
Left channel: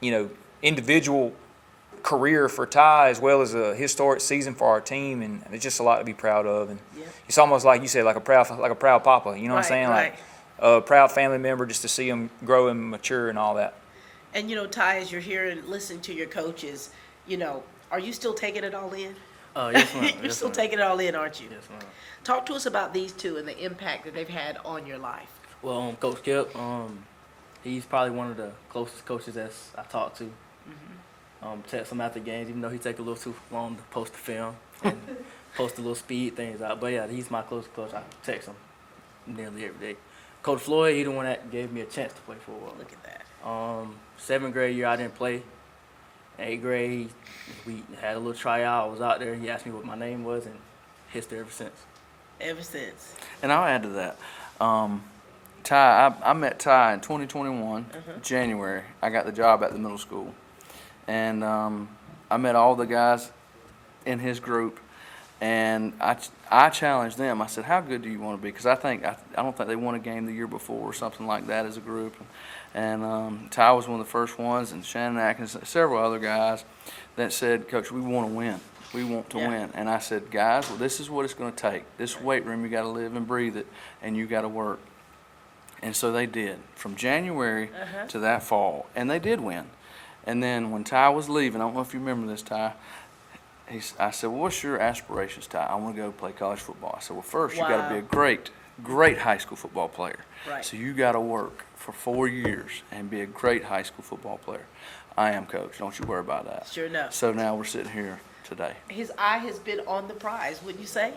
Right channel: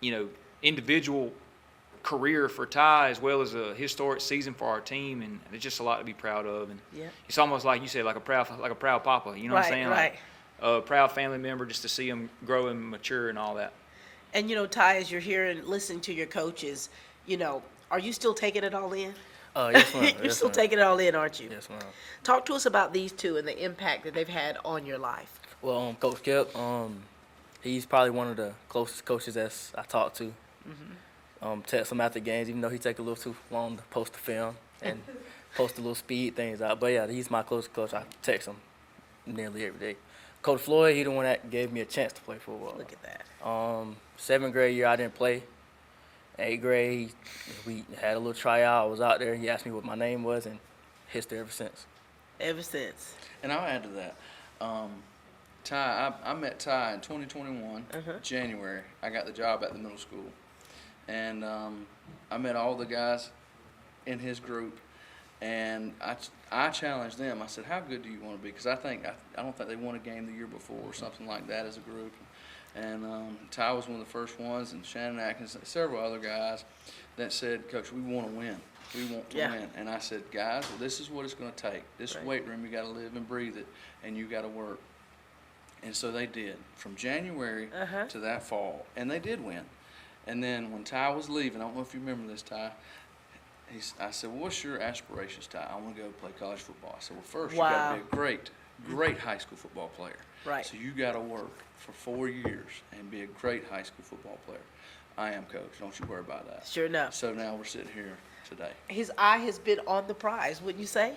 you know, individual career for Ty, as well as a historic season for our team, and it's just a lot to be proud of. And it's almost like you said, like a proud papa. You know what I'm saying? Like a proud family member, just to see him grow and mature and all that. And you know, Ty, as you're here and listening to your coaches, you know, are you still taking it all in? Yes, ma'am. You're still taking it all in, aren't you? Yes, ma'am. Talk to us about these two and the impact that they've had on your life. Well, Coach Kip, he's probably one of the closest coaches that I talk to. Text him after games, even though he take a little too long to post the film and post the little speed things out. But yeah, he's my closest coach. I text him nearly every day. Coach Floyd, he the one that gave me a chance to play for a while. Look at that. 7th grade year, I didn't play. 8th grade, we had a little tryout. I was out there. He asked me what my name was, and history ever since. Ever since. And I'll add to that. Ty, I met Ty in 2021, January. I got the job at the middle school. And I met all the guys in his group, and I challenged them. I said, how good do you want to be? Because I don't think they won a game the year before or something like that as a group. And Ty was one of the first ones, and Shannon Atkins, several other guys that said, Coach, we want to win. We want to win. And I said, guys, well, this is what it's going to take. This weight room, you got to live and breathe it, and you got to work. And so they did, from January to that fall, and they did win. And then when Ty was leaving, I don't know if you remember this, Ty, I said, well, what's your aspirations, Ty? I want to go play college football. I said, well, first, you got to be a great great high school football player. Right. So you got to work for 4 years and be a great high school football player. I am, Coach. Don't you worry about that. Sure enough. So now we're sitting here today. His eye has been on the prize, wouldn't you say?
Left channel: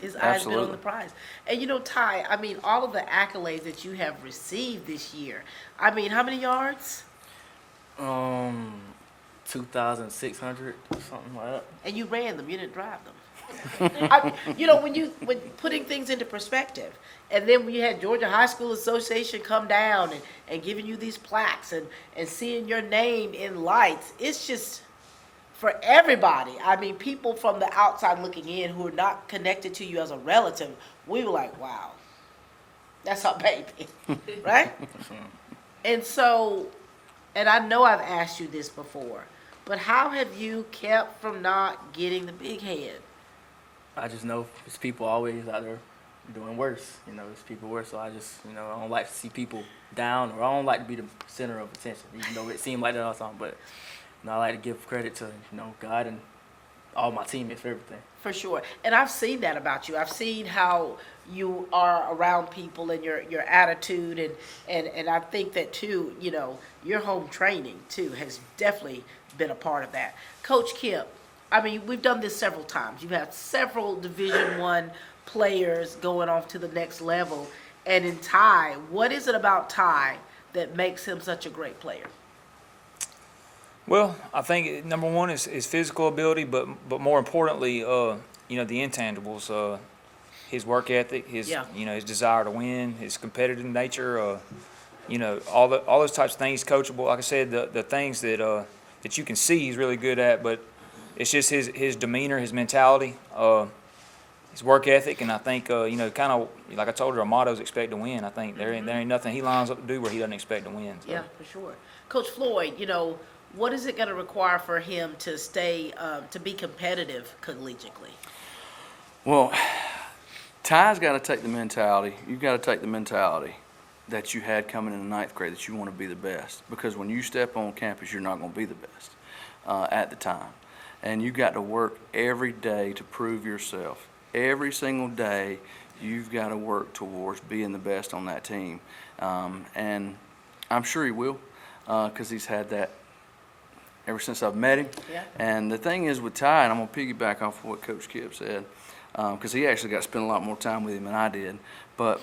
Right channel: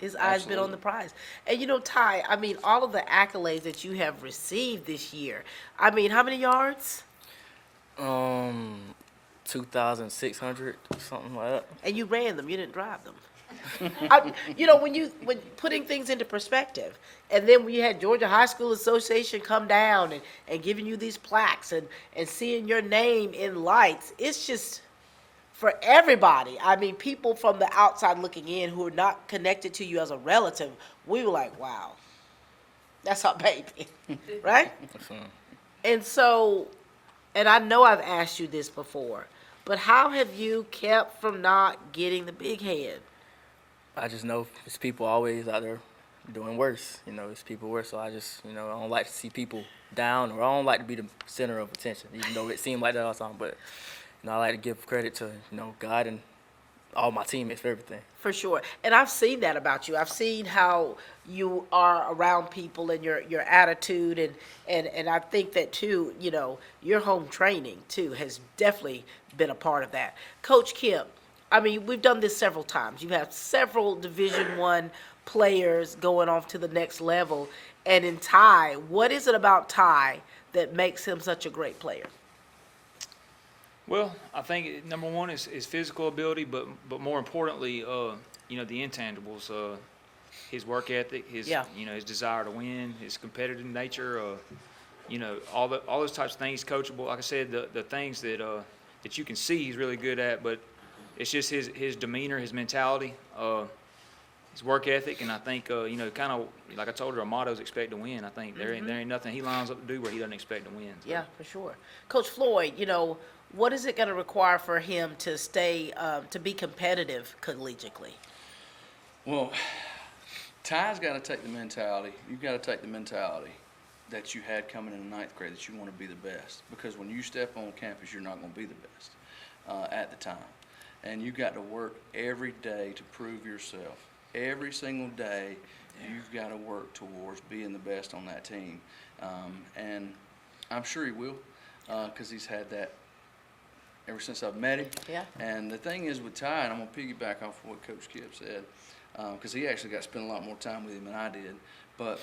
His eye has been on the prize. And you know, Ty, I mean, all of the accolades that you have received this year, I mean, how many yards? 2,600, something like that. And you ran them, you didn't drive them. You know, when putting things into perspective, and then we had Georgia High School Association come down and giving you these plaques and seeing your name in lights, it's just for everybody. I mean, people from the outside looking in who are not connected to you as a relative, we were like, wow, that's our baby, right? And so, and I know I've asked you this before, but how have you kept from not getting the big head? I just know there's people always out there doing worse. You know, it's people worse. So I just, you know, I don't like to see people down, or I don't like to be the center of attention, even though it seemed like that all the time. But, you know, I like to give credit to, you know, God and all my teammates for everything. For sure. And I've seen that about you. I've seen how you are around people and your attitude. And I think that, too, you know, your home training, too, has definitely been a part of that. Coach Kip, I mean, we've done this several times. You've had several Division I players going off to the next level. And in Ty, what is it about Ty that makes him such a great player? Well, I think number one is physical ability, but more importantly, you know, the intangibles, his work ethic, his you know, his desire to win, his competitive nature, you know, all those types of things. Coachable, like I said, the things that you can see he's really good at, but it's just his demeanor, his mentality, his work ethic, and I think you know, kind of like I told her, our motto is expect to win. I think there ain't nothing he lines up to do where he doesn't expect to win. So. Yeah, for sure. Coach Floyd, you know, what is it going to require for him to stay, to be competitive collegiately? Well, Ty's got to take the mentality. You've got to take the mentality that you had coming in the ninth grade, that you want to be the best. Because when you step on campus, you're not going to be the best at the time. And you've got to work every day to prove yourself. Every single day, you've got to work towards being the best on that team. And I'm sure he will, because he's had that ever since I've met him. Yeah. And the thing is with Ty, and I'm going to piggyback off of what Coach Kip said, because he actually got to spend a lot more time with him than I did. But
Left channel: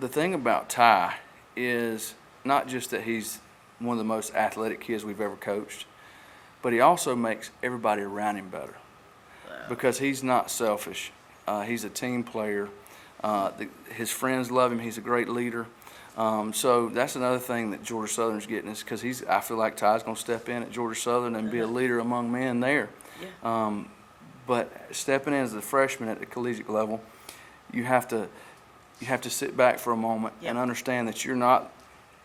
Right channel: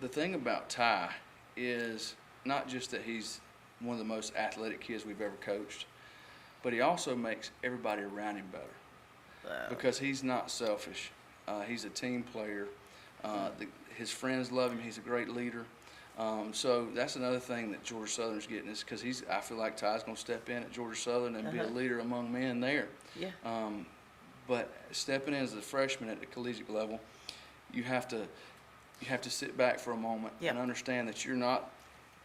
the thing about Ty is not just that he's one of the most athletic kids we've ever coached, but he also makes everybody around him better. Because he's not selfish. He's a team player. His friends love him. He's a great leader. So that's another thing that Georgia Southern's getting, is because I feel like Ty's going to step in at Georgia Southern and be a leader among men there. Yeah. But stepping in as a freshman at the collegiate level, you have to sit back for a moment and understand that you're not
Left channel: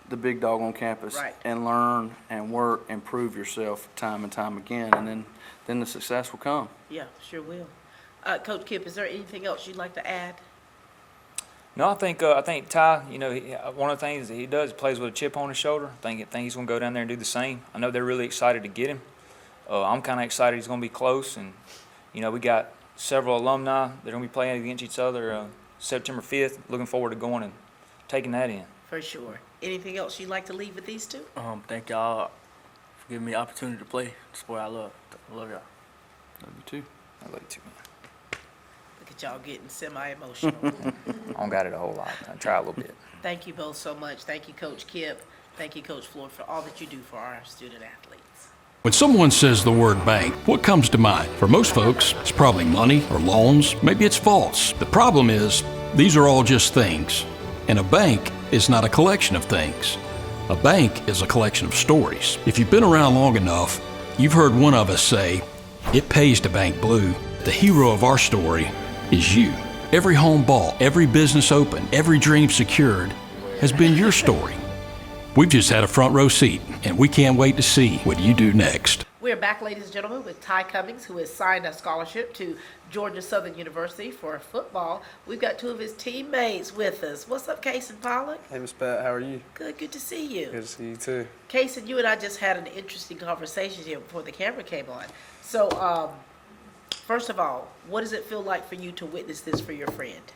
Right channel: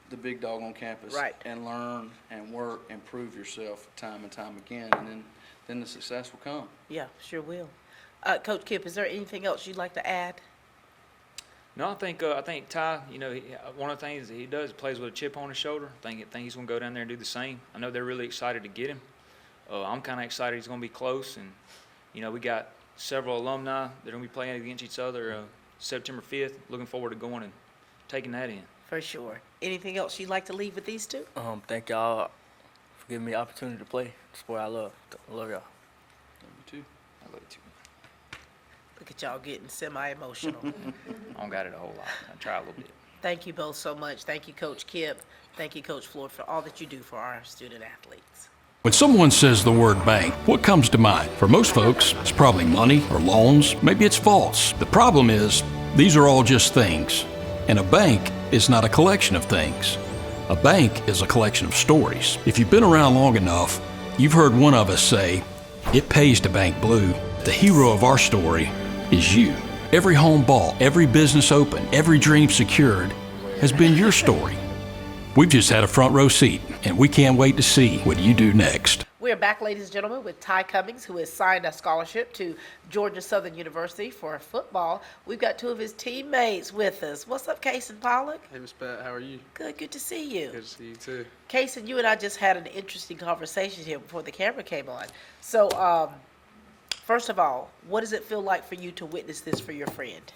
the big dog on campus, and learn and work and prove yourself time and time again, and then the success will come. Yeah, sure will. Coach Kip, is there anything else you'd like to add? No, I think Ty, you know, one of the things that he does, he plays with a chip on his shoulder. I think he's going to go down there and do the same. I know they're really excited to get him. I'm kind of excited he's going to be close, and you know, we got several alumni that are going to be playing against each other September 5th. Looking forward to going and taking that in. For sure. Anything else you'd like to leave with these two? Thank y'all for giving me the opportunity to play the sport I love. I love y'all. Love you too. I love you too. Look at y'all getting semi-emotional. I don't got it a whole lot. I try a little bit. Thank you both so much. Thank you, Coach Kip. Thank you, Coach Floyd, for all that you do for our student athletes. When someone says the word bank, what comes to mind? For most folks, it's probably money or loans. Maybe it's vaults. The problem is, these are all just things. And a bank is not a collection of things. A bank is a collection of stories. If you've been around long enough, you've heard one of us say, "It pays to bank blue." The hero of our story is you. Every home bought, every business opened, every dream secured has been your story. We've just had a front row seat, and we can't wait to see what you do next. We're back, ladies and gentlemen, with Ty Cummings, who has signed a scholarship to Georgia Southern University for football. We've got two of his teammates with us. What's up, Case and Pollock? Hey, Miss Pat, how are you? Good to see you. Good to see you too. Case, and you and I just had an interesting conversation here before the camera came on. So, first of all, what does it feel like for you to witness this for your friend?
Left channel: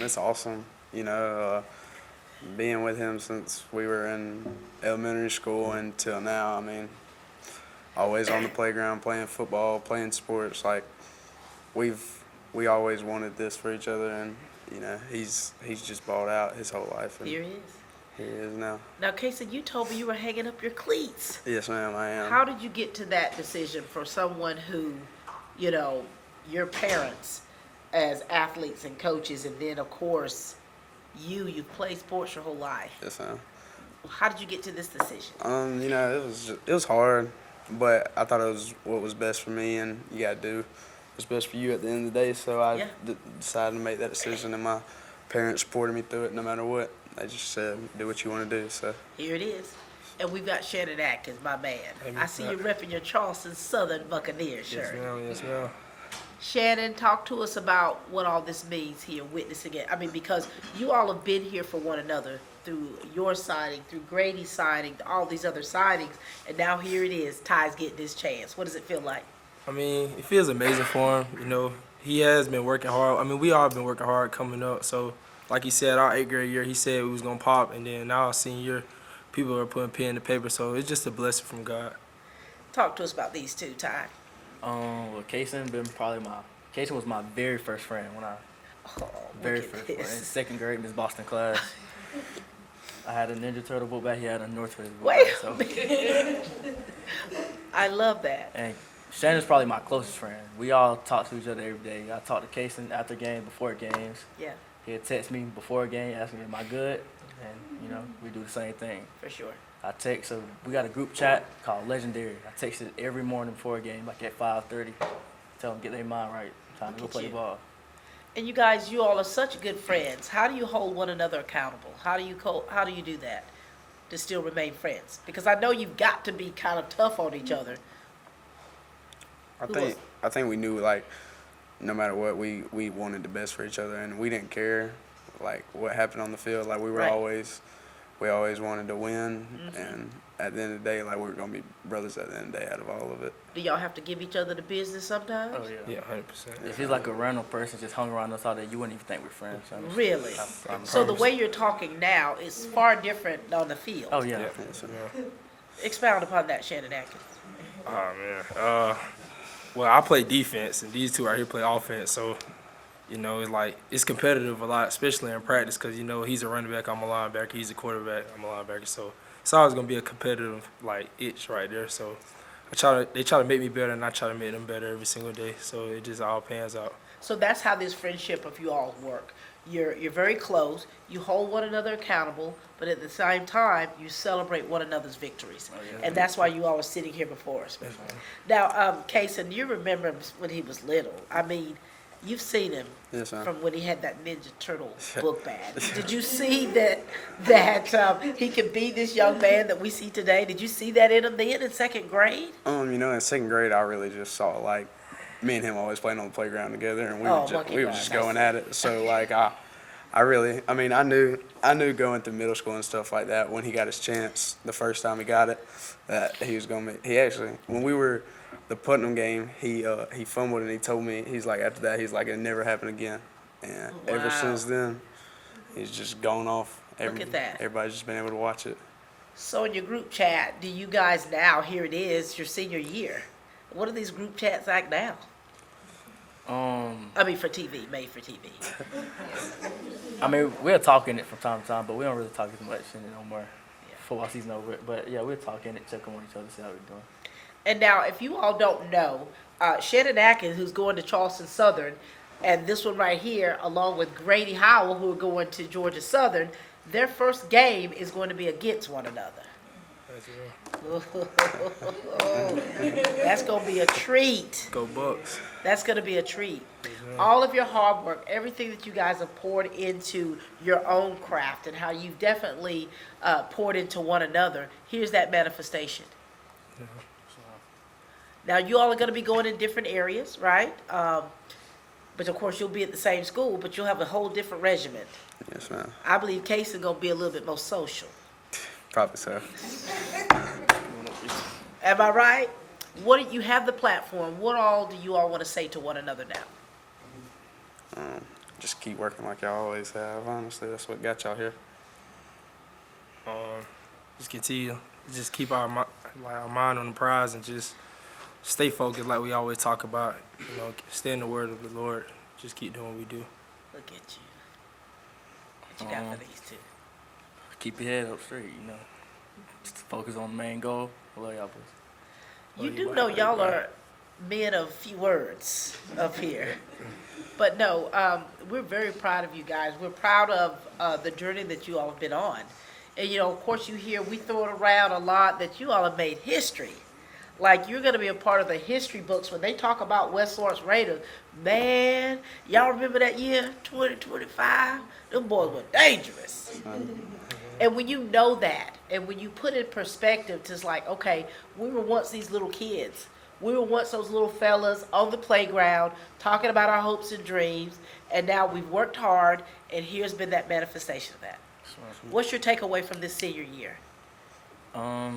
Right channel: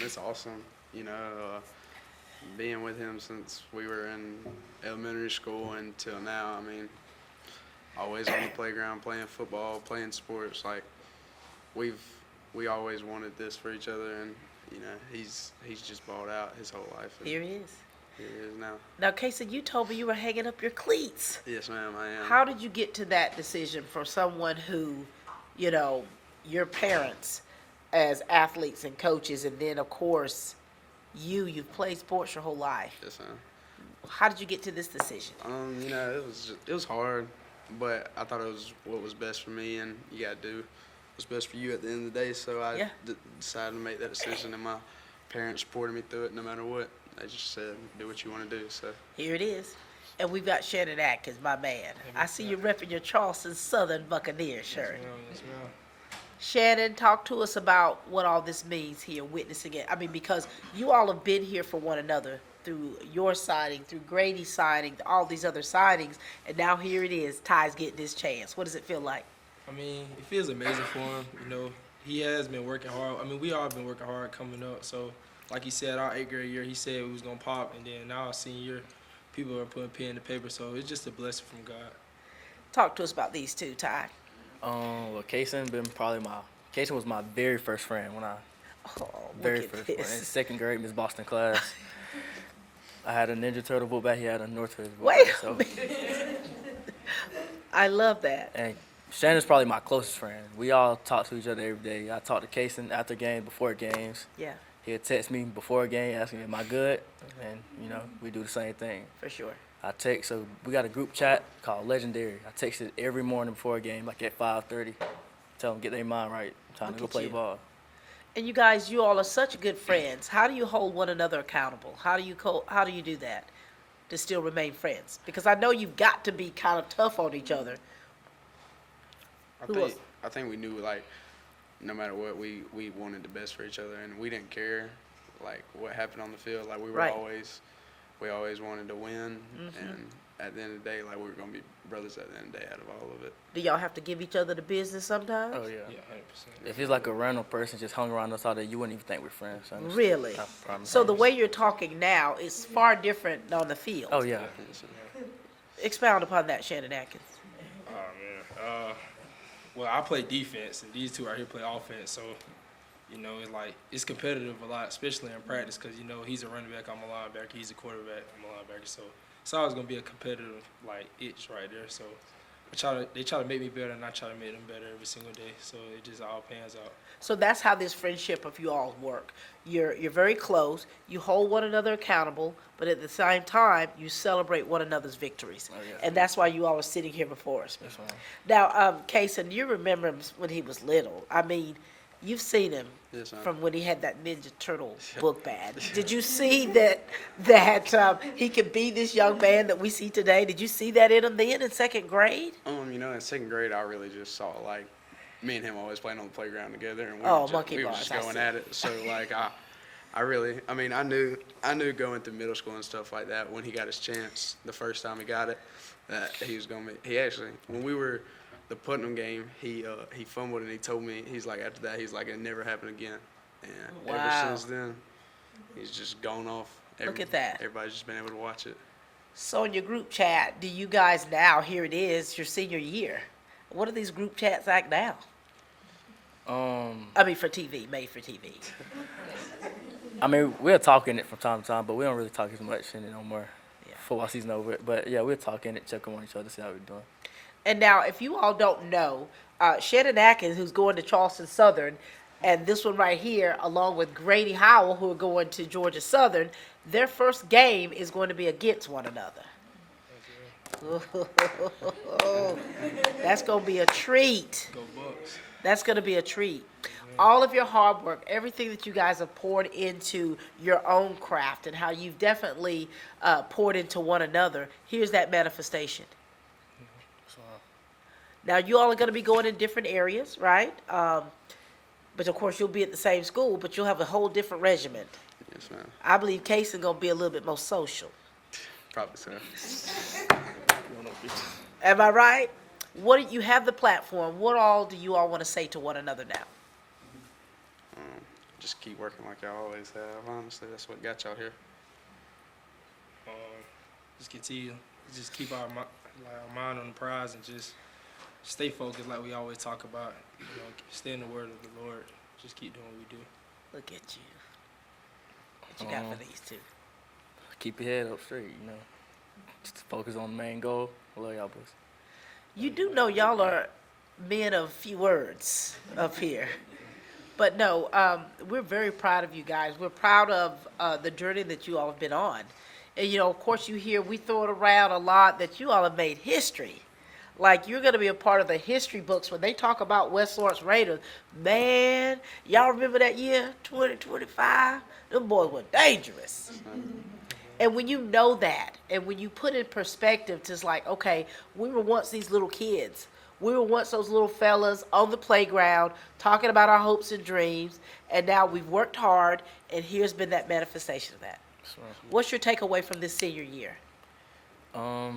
It's awesome. Being with him since we were in elementary school until now, I mean, always on the playground playing football, playing sports. Like, we always wanted this for each other, and he's just balled out his whole life. And Here he is. Here he is now. Now, Casey, you told me you were hanging up your cleats. Yes, ma'am, I am. How did you get to that decision for someone who, your parents as athletes and coaches, and then, of course, you've played sports your whole life. Yes, ma'am. How did you get to this decision? It was hard, but I thought it was what was best for me, and you got to do what's best for you at the end of the day. So I decided to make that decision, and my parents supported me through it no matter what. They just said, do what you want to do. So Here it is. And we've got Shannon Atkins, my man. I see you repping your Charleston Southern Buccaneers shirt. Yes, ma'am. Shannon, talk to us about what all this means here, witnessing it. I mean, because you all have been here for one another through your signing, through Grady's signing, all these other signings, and now here it is, Ty's getting his chance. What does it feel like? I mean, it feels amazing for him. He has been working hard. I mean, we all been working hard coming up. So, like he said, our 8th grade year, he said we was going to pop, and then now our senior year, people are putting pen to paper. So, it's just a blessing from God. Talk to us about these two, Ty. Well, Kaysen was my very first friend when very first friend. In 2nd grade, Miss Boston class. I had a Ninja Turtle book bag. He had a North Face book bag. So. I love that. And Shannon's probably my closest friend. We all talk to each other every day. I talk to Kaysen after games, before games. Yeah. He'll text me before a game, asking me, am I good? And, we do the same thing. For sure. I text, so we got a group chat called Legendary. I text it every morning before a game, like at 5:30. Tell them, get their mind right. Time to go play ball. And you guys, you all are such good friends. How do you hold one another accountable? How do you do that to still remain friends? Because I know you've got to be kind of tough on each other. I think we knew, like, no matter what, we wanted the best for each other, and we didn't care, like, what happened on the field. Like, we always wanted to win, and at the end of the day, like, we were going to be brothers at the end of the day out of all of it. Do y'all have to give each other the business sometimes? Oh, yeah. Yeah, 100%. If he's like a random person just hung around us all day, you wouldn't even think we're friends. So Really? So the way you're talking now is far different on the field. Oh, yeah. Expound upon that, Shannon Atkins. Oh, man. Well, I play defense, and these two right here play offense. So, it's like, it's competitive a lot, especially in practice, because, he's a running back, I'm a linebacker. He's a quarterback, I'm a linebacker. So it's always going to be a competitive, like, itch right there. So they try to make me better, and I try to make them better every single day. So it just all pans out. So that's how this friendship of you all work. You're very close. You hold one another accountable, but at the same time, you celebrate one another's victories. And that's why you all are sitting here before us. Now, Kaysen, you remember him when he was little. I mean, you've seen him from when he had that Ninja Turtle book bag. Did you see that he could be this young man that we see today? Did you see that in him then in 2nd grade? In 2nd grade, I really just saw, like, me and him always playing on the playground together, and we were just going at it. So, like, I knew going through middle school and stuff like that, when he got his chance, the first time he got it, that he was going to, he actually, when we were, the Putnam game, he fumbled, and he told me, he's like, after that, he's like, it never happened again. And ever since then, he's just gone off. Look at that. Everybody's just been able to watch it. So in your group chat, do you guys now, here it is, your senior year, what are these group chats like now? I mean, for TV, made for TV. I mean, we're talking it from time to time, but we don't really talk as much no more. Football season over. But yeah, we're talking it, checking on each other, see how we're doing. And now, if you all don't know, Shannon Atkins, who's going to Charleston Southern, and this one right here, along with Grady Howell, who are going to Georgia Southern, their first game is going to be against one another. That's going to be a treat. Go Bucks. That's going to be a treat. All of your hard work, everything that you guys have poured into your own craft and how you've definitely poured into one another, here's that manifestation. Now, you all are going to be going in different areas, right? But, of course, you'll be at the same school, but you'll have a whole different regimen. Yes, ma'am. I believe Casey's going to be a little bit more social. Probably so. Am I right? What do you have the platform? What all do you all want to say to one another now? just keep working like y'all always have. Honestly, that's what got y'all here. Just continue, just keep our mind on the prize and just stay focused like we always talk about. You know, stay in the word of the Lord. Just keep doing what we do. Look at you. What you got for these two? Keep your head up straight, you know. Just focus on the main goal. I love y'all boys. You do know y'all are men of few words up here. But no, we're very proud of you guys. We're proud of the journey that you all have been on. And, you know, of course, you hear we throw it around a lot that you all have made history. Like, you're going to be a part of the history books when they talk about West Lawrence Raiders. Man, y'all remember that year, 2025? Them boys were dangerous. And when you know that, and when you put in perspective, it's like, okay, we were once these little kids. We were once those little fellas on the playground talking about our hopes and dreams, and now we've worked hard, and here's been that manifestation of that. What's your takeaway from this senior year? I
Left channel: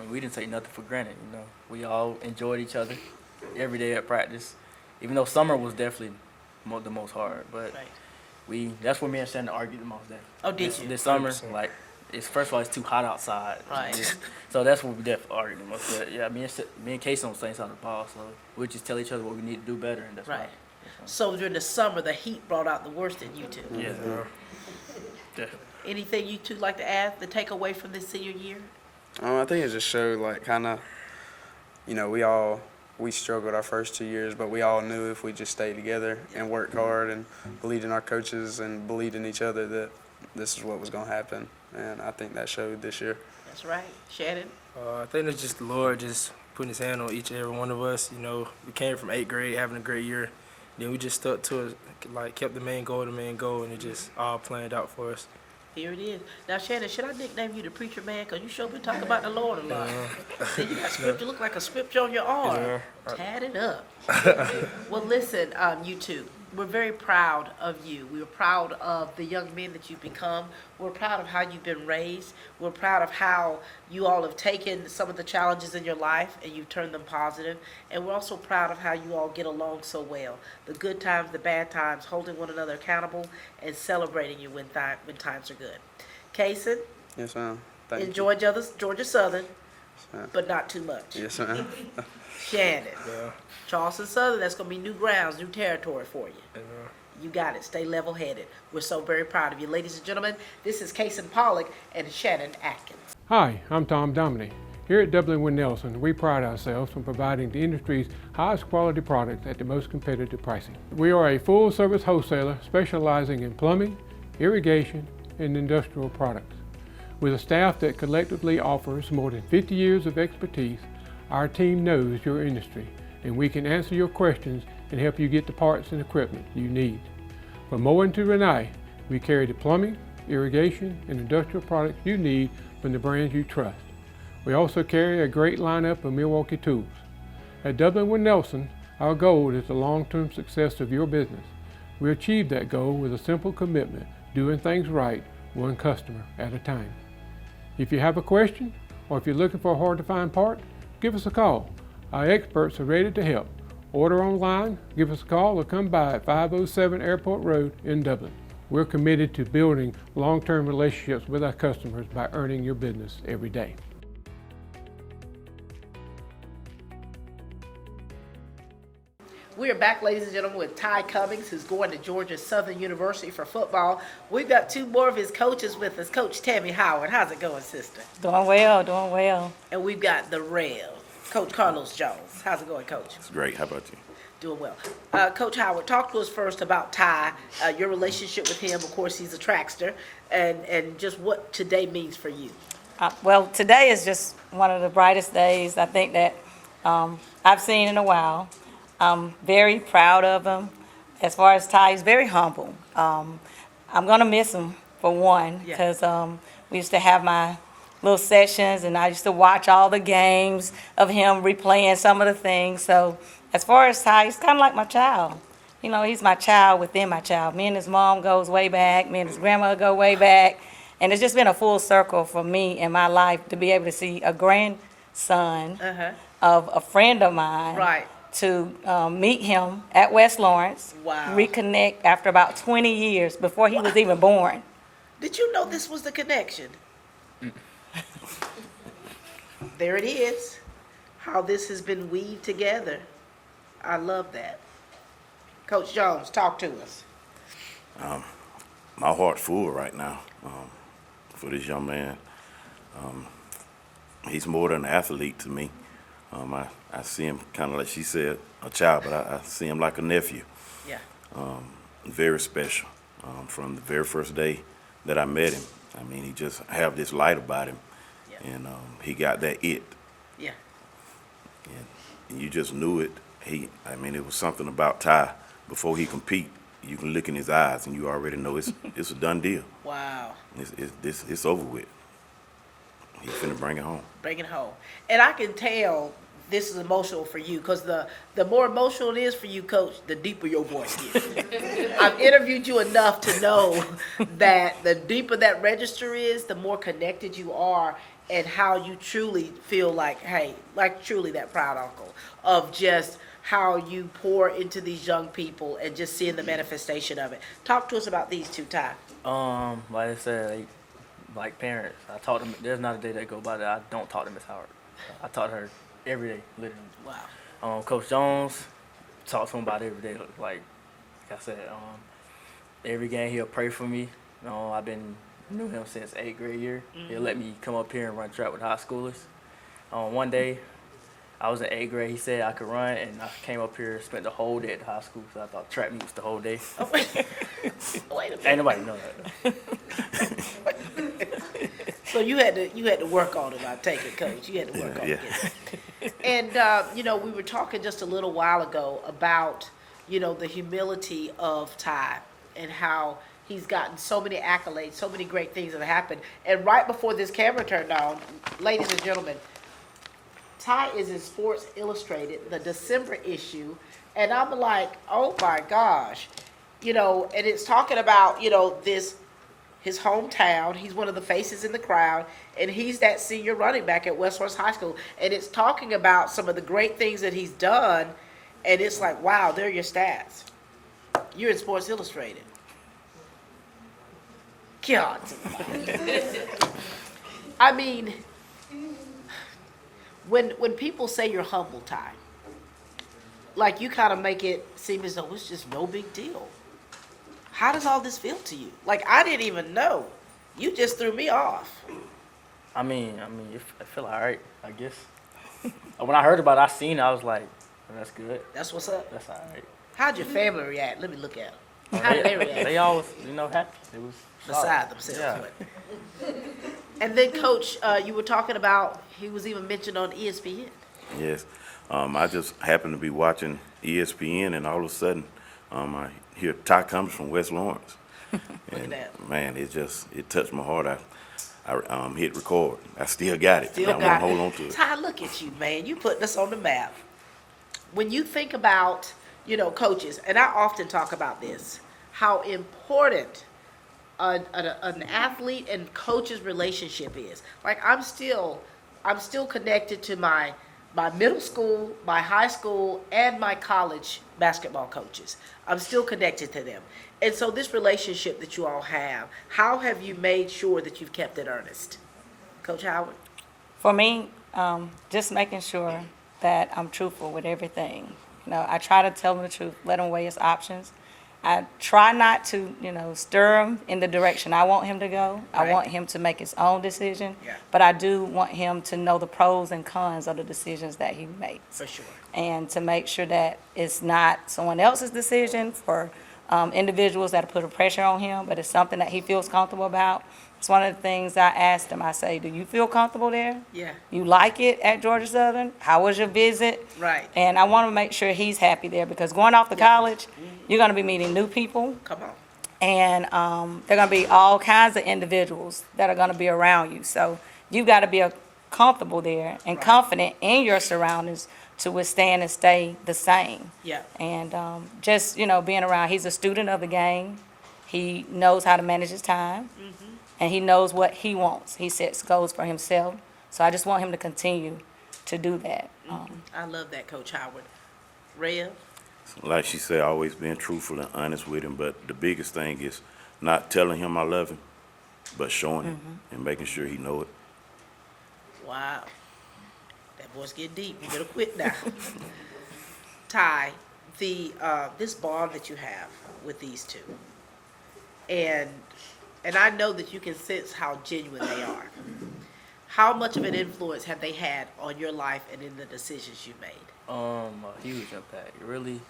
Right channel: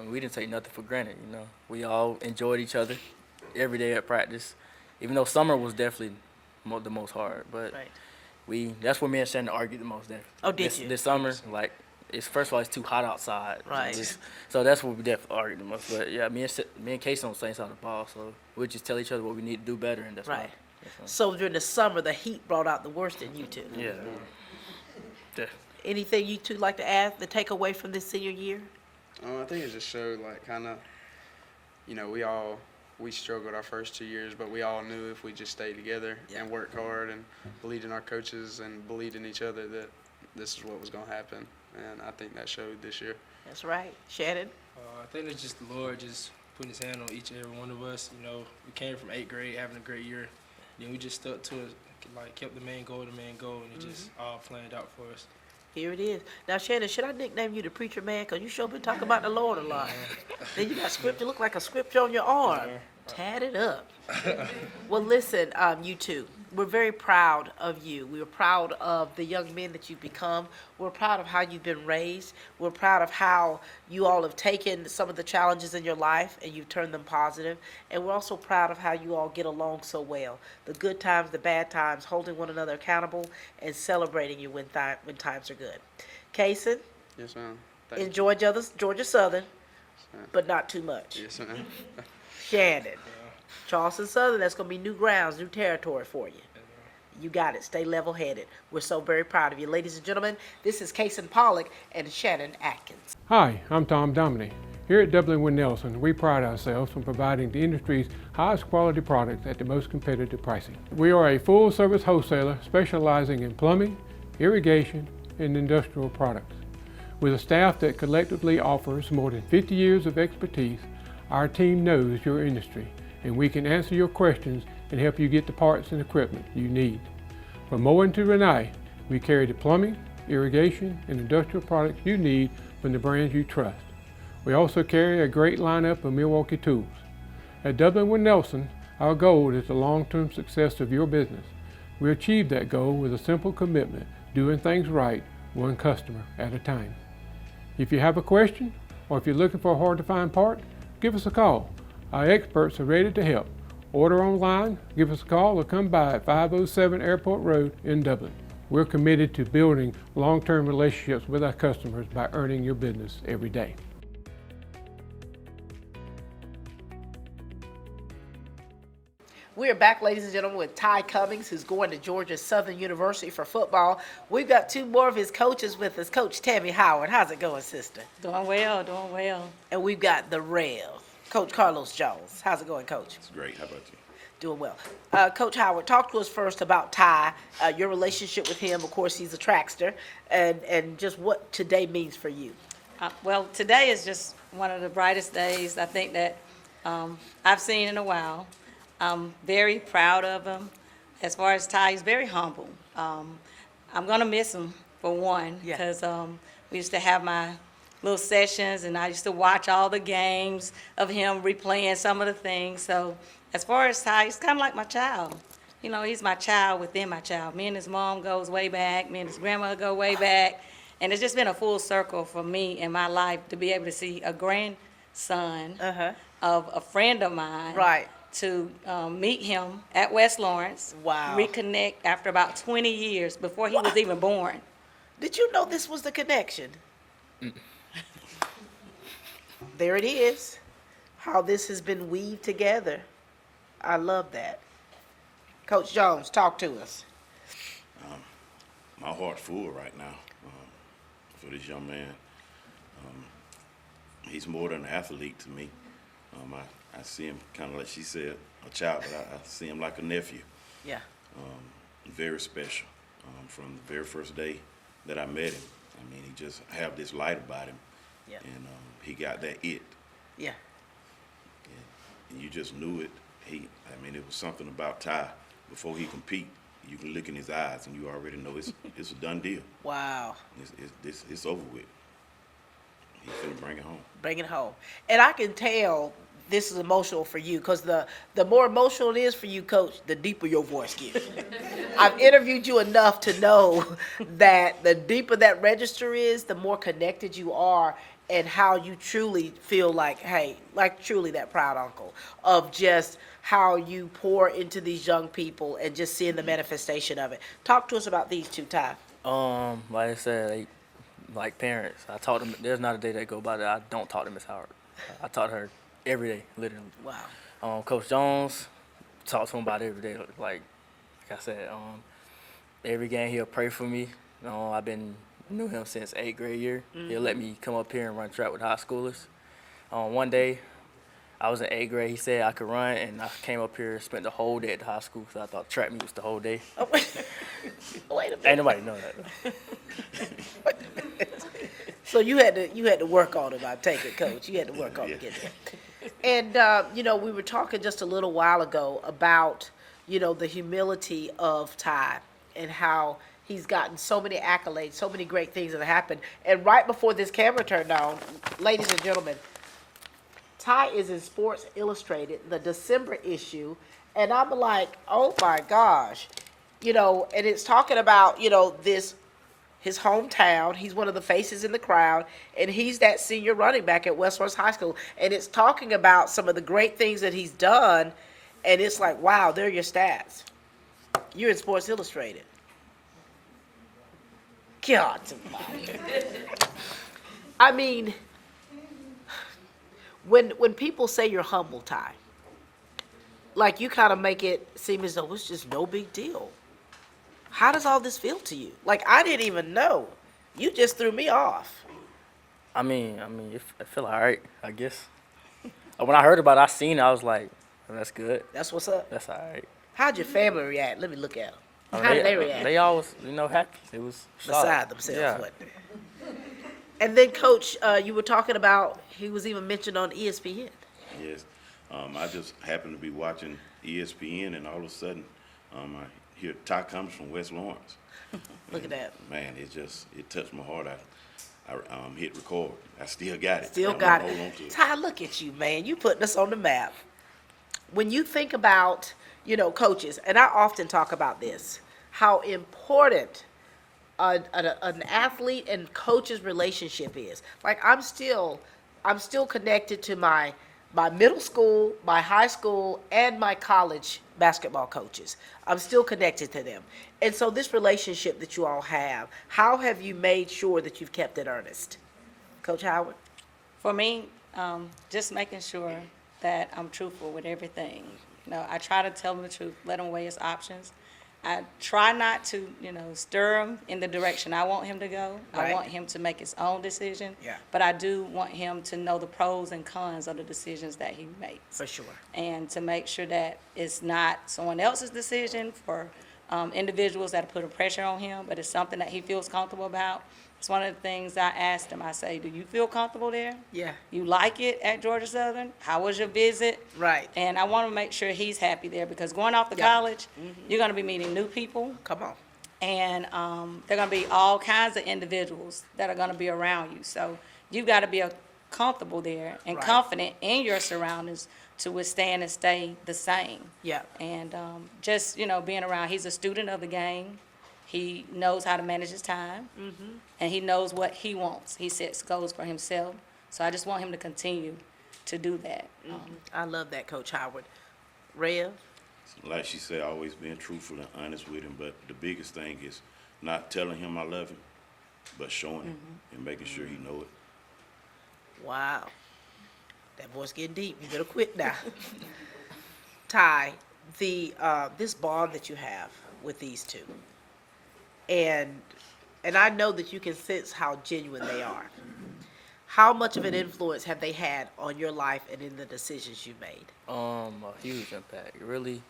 mean, we didn't take nothing for granted, you know. We all enjoyed each other every day at practice, even though summer was definitely the most hard. But that's where me and Shannon argued the most there. Oh, did you? This summer, like, first of all, it's too hot outside. Right. So that's what we definitely argued the most there. Yeah, me and Casey on the same side of the ball, so we'll just tell each other what we need to do better, and that's right. So during the summer, the heat brought out the worst in you two. Yeah. Anything you two like to add, the takeaway from this senior year? I think it just showed, like, kind of, you know, we struggled our first 2 years, but we all knew if we just stayed together and worked hard and believed in our coaches and believed in each other that this is what was going to happen. And I think that showed this year. That's right. Shannon? I think it's just the Lord just putting his hand on each and every one of us. You know, we came from 8th grade having a great year. Then we just stuck to it, like, kept the main goal, and it just all planned out for us. Here it is. Now, Shannon, should I nickname you the preacher man? Because you sure been talking about the Lord a lot. Then you got scripture, look like a scripture on your arm. Tat it up. Well, listen, you two, we're very proud of you. We're proud of the young men that you've become. We're proud of how you've been raised. We're proud of how you all have taken some of the challenges in your life and you've turned them positive. And we're also proud of how you all get along so well. The good times, the bad times, holding one another accountable and celebrating you when times are good. Kason? Yes, ma'am. In Georgia Southern, but not too much. Yes, ma'am. Shannon. Charleston Southern, that's going to be new grounds, new territory for you. You got it. Stay level-headed. We're so very proud of you. Ladies and gentlemen, this is Kason Pollock and Shannon Atkins. Hi, I'm Tom Dominy. Here at Dublin Wind Nelson, we pride ourselves on providing the industry's highest quality products at the most competitive pricing. We are a full-service wholesaler specializing in plumbing, irrigation, and industrial products. With a staff that collectively offers more than 50 years of expertise, our team knows your industry, and we can answer your questions and help you get the parts and equipment you need. From Moen to Renee, we carry the plumbing, irrigation, and industrial products you need from the brands you trust. We also carry a great lineup of Milwaukee tools. At Dublin Wind Nelson, our goal is the long-term success of your business. We achieve that goal with a simple commitment, doing things right, one customer at a time. If you have a question, or if you're looking for a hard-to-find part, give us a call. Our experts are ready to help. Order online, give us a call, or come by at 507 Airport Road in Dublin. We're committed to building long-term relationships with our customers by earning your business every day. We are back, ladies and gentlemen, with Ty Cummings, who's going to Georgia Southern University for football. We've got two more of his coaches with us. Coach Tammy Howard, how's it going, sister? Doing well, doing well. And we've got the Rev, Coach Carlos Jones. How's it going, Coach? It's great. How about you? Doing well. Coach Howard, talk to us first about Ty, your relationship with him. Of course, he's a trackster, and just what today means for you. Well, today is just one of the brightest days I think that I've seen in a while. I'm very proud of him. As far as Ty, he's very humble. I'm going to miss him, for one, because we used to have my little sessions, and I used to watch all the games of him replaying some of the things. So as far as Ty, he's kind of like my child. You know, he's my child within my child. Me and his mom goes way back. Me and his grandmother go way back. And it's just been a full circle for me in my life to be able to see a grandson of a friend of mine. Right. to meet him at West Lawrence. Wow. Reconnect after about 20 years before he was even born. Did you know this was the connection? There it is, how this has been weaved together. I love that. Coach Jones, talk to us. My heart's full right now for this young man. He's more than an athlete to me. I see him kind of like she said, a child, but I see him like a nephew. Yeah. Very special. From the very first day that I met him, I mean, he just have this light about him, and he got that it. Yeah. And you just knew it. I mean, it was something about Ty. Before he compete, you can look in his eyes and you already know it's a done deal. Wow. It's over with. He's finna bring it home. Bring it home. And I can tell this is emotional for you, because the more emotional it is for you, Coach, the deeper your voice gets. I've interviewed you enough to know that the deeper that register is, the more connected you are, and how you truly feel like, hey, like truly that proud uncle of just how you pour into these young people and just seeing the manifestation of it. Talk to us about these two, Ty. Like I said, like parents, I taught them. There's not a day that go by that I don't talk to Miss Howard. I taught her every day, literally. Wow. Coach Jones, talk to him about every day. Like I said, every game he'll pray for me. I've been knew him since 8th grade year. He'll let me come up here and run track with high schoolers. One day, I was in 8th grade. He said I could run, and I came up here, spent the whole day at the high school. So I thought track meet was the whole day. Oh, wait a minute. Ain't nobody know that. So you had to work on it. I take it, Coach. You had to work on it. And we were talking just a little while ago about the humility of Ty and how he's gotten so many accolades, so many great things that have happened. And right before this camera turned on, ladies and gentlemen, Ty is in Sports Illustrated, the December issue, and I'm like, oh my gosh, and it's talking about his hometown. He's one of the faces in the crowd, and he's that senior running back at West Lawrence High School. And it's talking about some of the great things that he's done, and it's like, wow, there are your stats. You're in Sports Illustrated. God. I mean, when people say you're humble, Ty, like you kind of make it seem as though it's just no big deal. How does all this feel to you? Like, I didn't even know. You just threw me off. I mean, it feel all right, I guess. When I heard about it, I seen it, I was like, oh, that's good. That's what's up? That's all right. How'd your family react? Let me look at them. How did they react? They always, happy. It was beside themselves. Yeah. Wasn't it? And then, Coach, you were talking about, he was even mentioned on ESPN. Yes. I just happened to be watching ESPN, and all of a sudden, I hear Ty Cummings from West Lawrence. Look at that. Man, it touched my heart. I hit record. I still got it. Still I'm got gonna hold on to it. Ty, look at you, man. You putting us on the map. When you think about, coaches, and I often talk about this, how important an athlete and coach's relationship is. Like, I'm still connected to my middle school, my high school, and my college basketball coaches. I'm still connected to them. And so this relationship that you all have, how have you made sure that you've kept it earnest? Coach Howard? For me, just making sure that I'm truthful with everything. I try to tell him the truth, let him weigh his options. I try not to, stir him in the direction I want him to go. Right. I want him to make his own decision. Yeah. But I do want him to know the pros and cons of the decisions that he makes. For sure. And to make sure that it's not someone else's decision for individuals that are putting pressure on him, but it's something that he feels comfortable about. It's one of the things I asked him. I say, do you feel comfortable there? Yeah. You like it at Georgia Southern? How was your visit? Right. And I want to make sure he's happy there, because going off to college, you're going to be meeting new people. Come on. And there are going to be all kinds of individuals that are going to be around you. So you've got to be comfortable there and confident in your surroundings to withstand and stay the same. Yeah. And just, being around, he's a student of the game. He knows how to manage his time. And he knows what he wants. He sets goals for himself. So I just want him to continue to do that. I love that, Coach Howard. Rev? Like she said, always being truthful and honest with him. But the biggest thing is not telling him I love him, but showing him and making sure he know it. Wow. That boy's getting deep. You better quit now. Ty, this bond that you have with these two, and I know that you can sense how genuine they are. How much of an influence have they had on your life and in the decisions you made? A huge impact. It really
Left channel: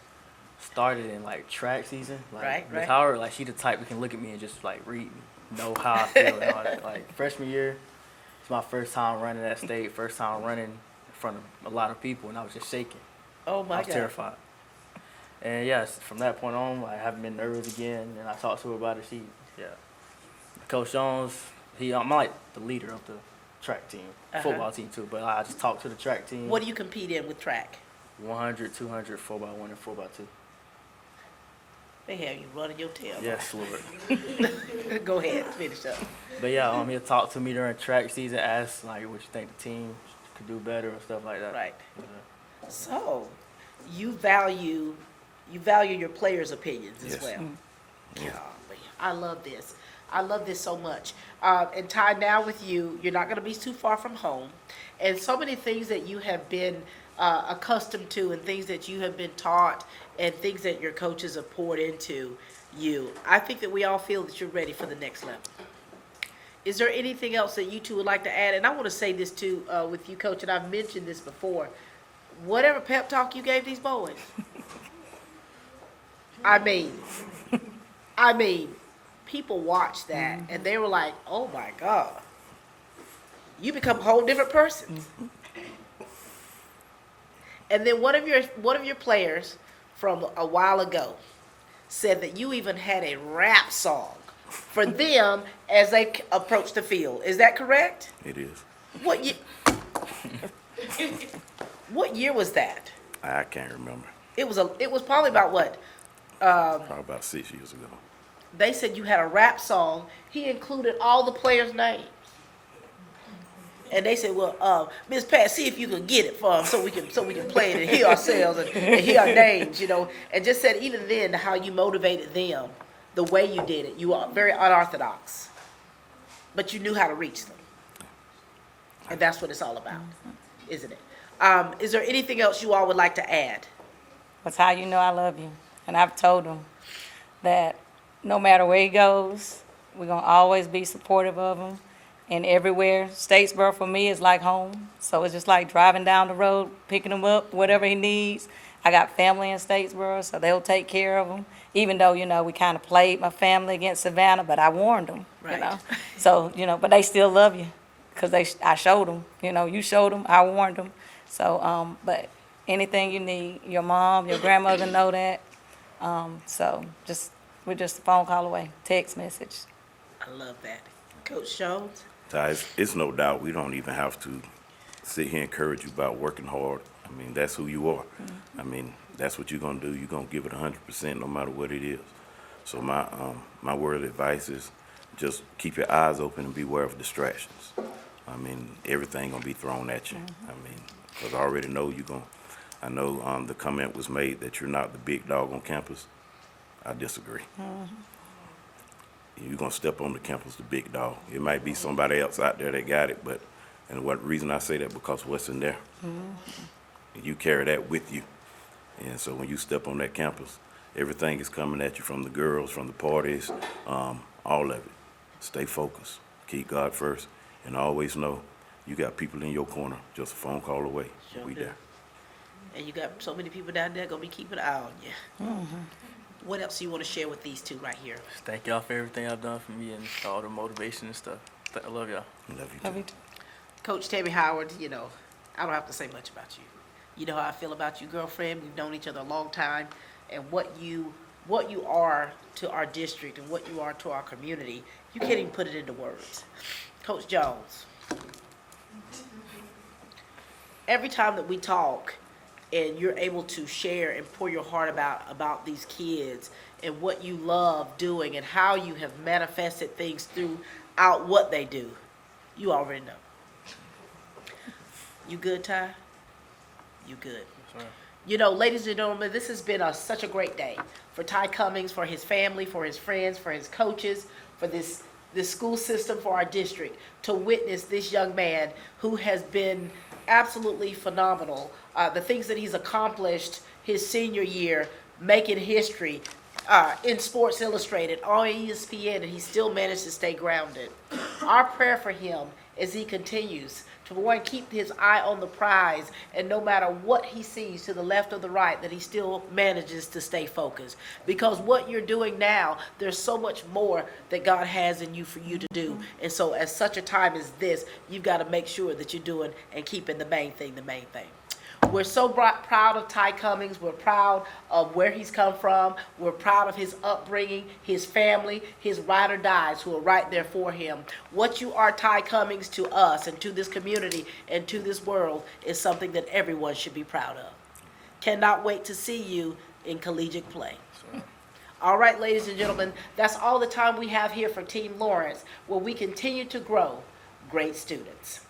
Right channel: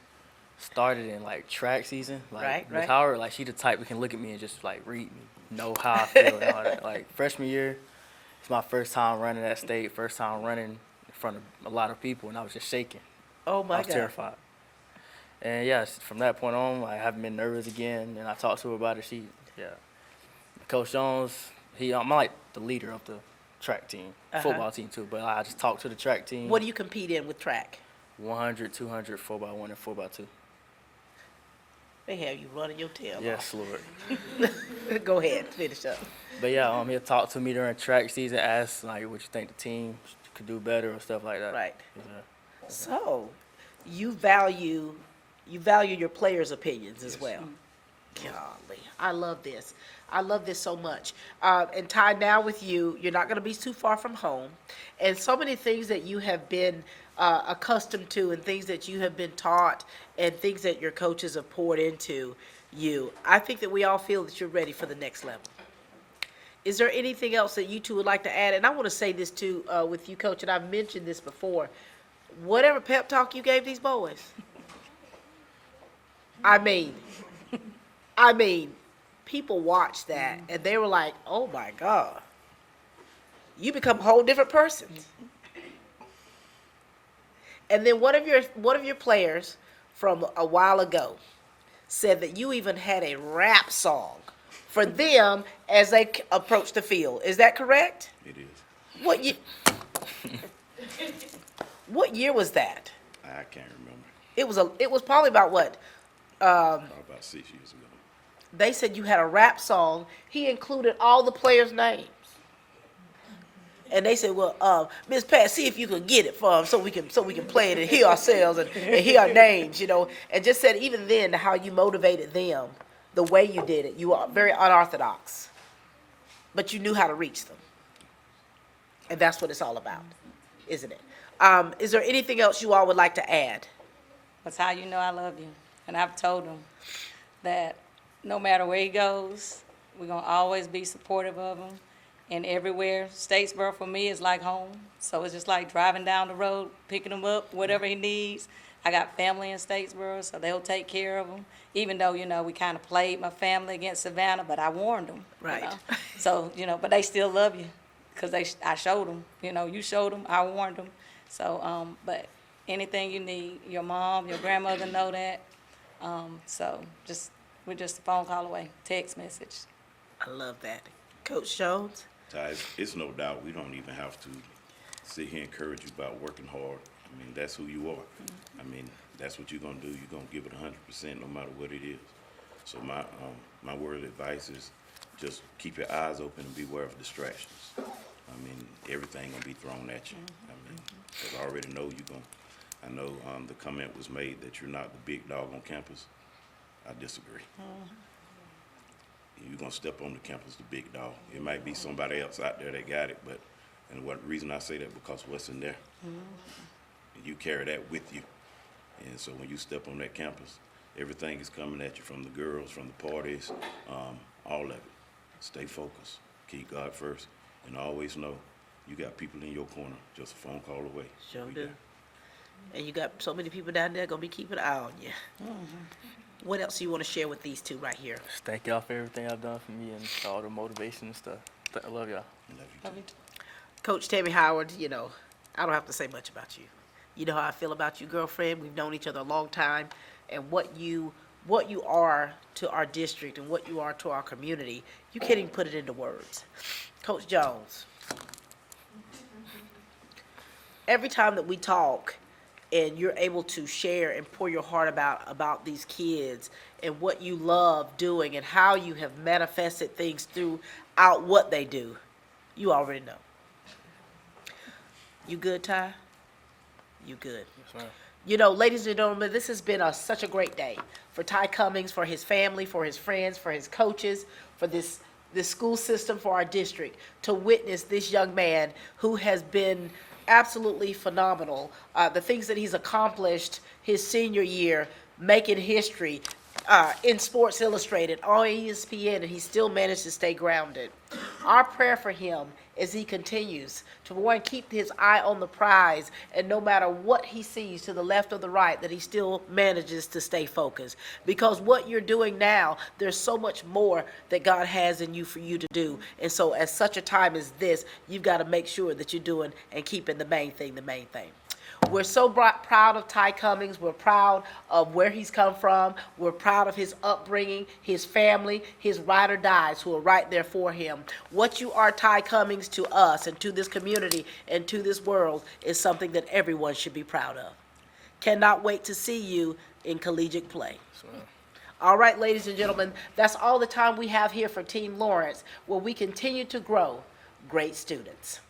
started in like track season. Like Right. Miss Howard, like she the type that can look at me and just like read, know how I feel and all that. Like freshman year, it's my first time running that state, first time running in front of a lot of people, and I was just shaking. Oh my I was God. terrified. And yes, from that point on, like, I haven't been nervous again. And I talked to her about it. Coach Jones, I'm like the leader of the track team, football team too. But I just talked to the track team. What do you compete in with track? 100, 200, 4x1, and 4x2. They have you running your tail. Yes, Lord. Go ahead, finish up. But yeah, he'll talk to me during track season, ask like what you think the team could do better or stuff like that. Right. Yeah. So, you value your players' opinions as well. Golly, I love this. I love this so much. And Ty, now with you, you're not going to be too far from home. And so many things that you have been accustomed to and things that you have been taught and things that your coaches have poured into you. I think that we all feel that you're ready for the next level. Is there anything else that you two would like to add? And I want to say this too with you, Coach, and I've mentioned this before. Whatever pep talk you gave these boys, I mean, people watched that and they were like, "Oh my God, you become a whole different person." And then one of your players from a while ago said that you even had a rap song for them as they approach the field. Is that correct? It is. What year was that? I can't remember. It was probably about what? Probably about 6 years ago. They said you had a rap song. He included all the players' names. And they said, "Well, Miss Pat, see if you can get it for them so we can play it and hear ourselves and hear our names, And just said even then how you motivated them, the way you did it. You are very unorthodox, but you knew how to reach them, and that's what it's all about, isn't it? Is there anything else you all would like to add? That's how you know I love you, and I've told him that no matter where he goes, we're gonna always be supportive of him. And everywhere, Statesboro for me is like home. So it's just like driving down the road, picking him up, whatever he needs. I got family in Statesboro, so they'll take care of him. Even though, we kind of played my family against Savannah, but I warned them, Right. So, but they still love you because I showed them, you showed them, I warned them. So, but anything you need, your mom, your grandmother know that. So we're just a phone call away, text message. I love that. Coach Jones? Ty, it's no doubt we don't even have to sit here and encourage you about working hard. I mean, that's who you are. I mean, that's what you're going to do. You're going to give it 100% no matter what it is. So my word of advice is just keep your eyes open and beware of distractions. I mean, everything going to be thrown at you. I mean, because I already know you're going to. I know the comment was made that you're not the big dog on campus. I disagree. You're going to step on the campus, the big dog. It might be somebody else out there that got it, and what reason I say that, because what's in there. And you carry that with you. And so when you step on that campus, everything is coming at you from the girls, from the parties, all of it. Stay focused. Keep God first. And always know you got people in your corner, just a phone call away. Sure We do. there. And you got so many people down there going to be keeping an eye on you. What else do you want to share with these two right here? Just thank y'all for everything I've done for me and all the motivation and stuff. I love y'all. Love you too. Coach Tammy Howard, I don't have to say much about you. You know how I feel about you, girlfriend. We've known each other a long time. And what you are to our district and what you are to our community, you can't even put it into words. Coach Jones, every time that we talk, and you're able to share and pour your heart about these kids and what you love doing and how you have manifested things throughout what they do, you already know. You good, Ty? You good. You know, ladies and gentlemen, this has been such a great day for Ty Cummings, for his family, for his friends, for his coaches, for this school system, for our district, to witness this young man who has been absolutely phenomenal. The things that he's accomplished his senior year, making history in Sports Illustrated, on ESPN, and he still managed to stay grounded. Our prayer for him as he continues to, one, keep his eye on the prize, and no matter what he sees to the left or the right, that he still manages to stay focused. Because what you're doing now, there's so much more that God has in you for you to do. And so at such a time as this, you've got to make sure that you're doing and keeping the main thing the main thing. We're so proud of Ty Cummings. We're proud of where he's come from. We're proud of his upbringing, his family, his ride or dies who are right there for him. What you are, Ty Cummings, to us and to this community and to this world is something that everyone should be proud of. Cannot wait to see you in collegiate play. All right, ladies and gentlemen, that's all the time we have here for Team Lawrence, where we continue to grow great students.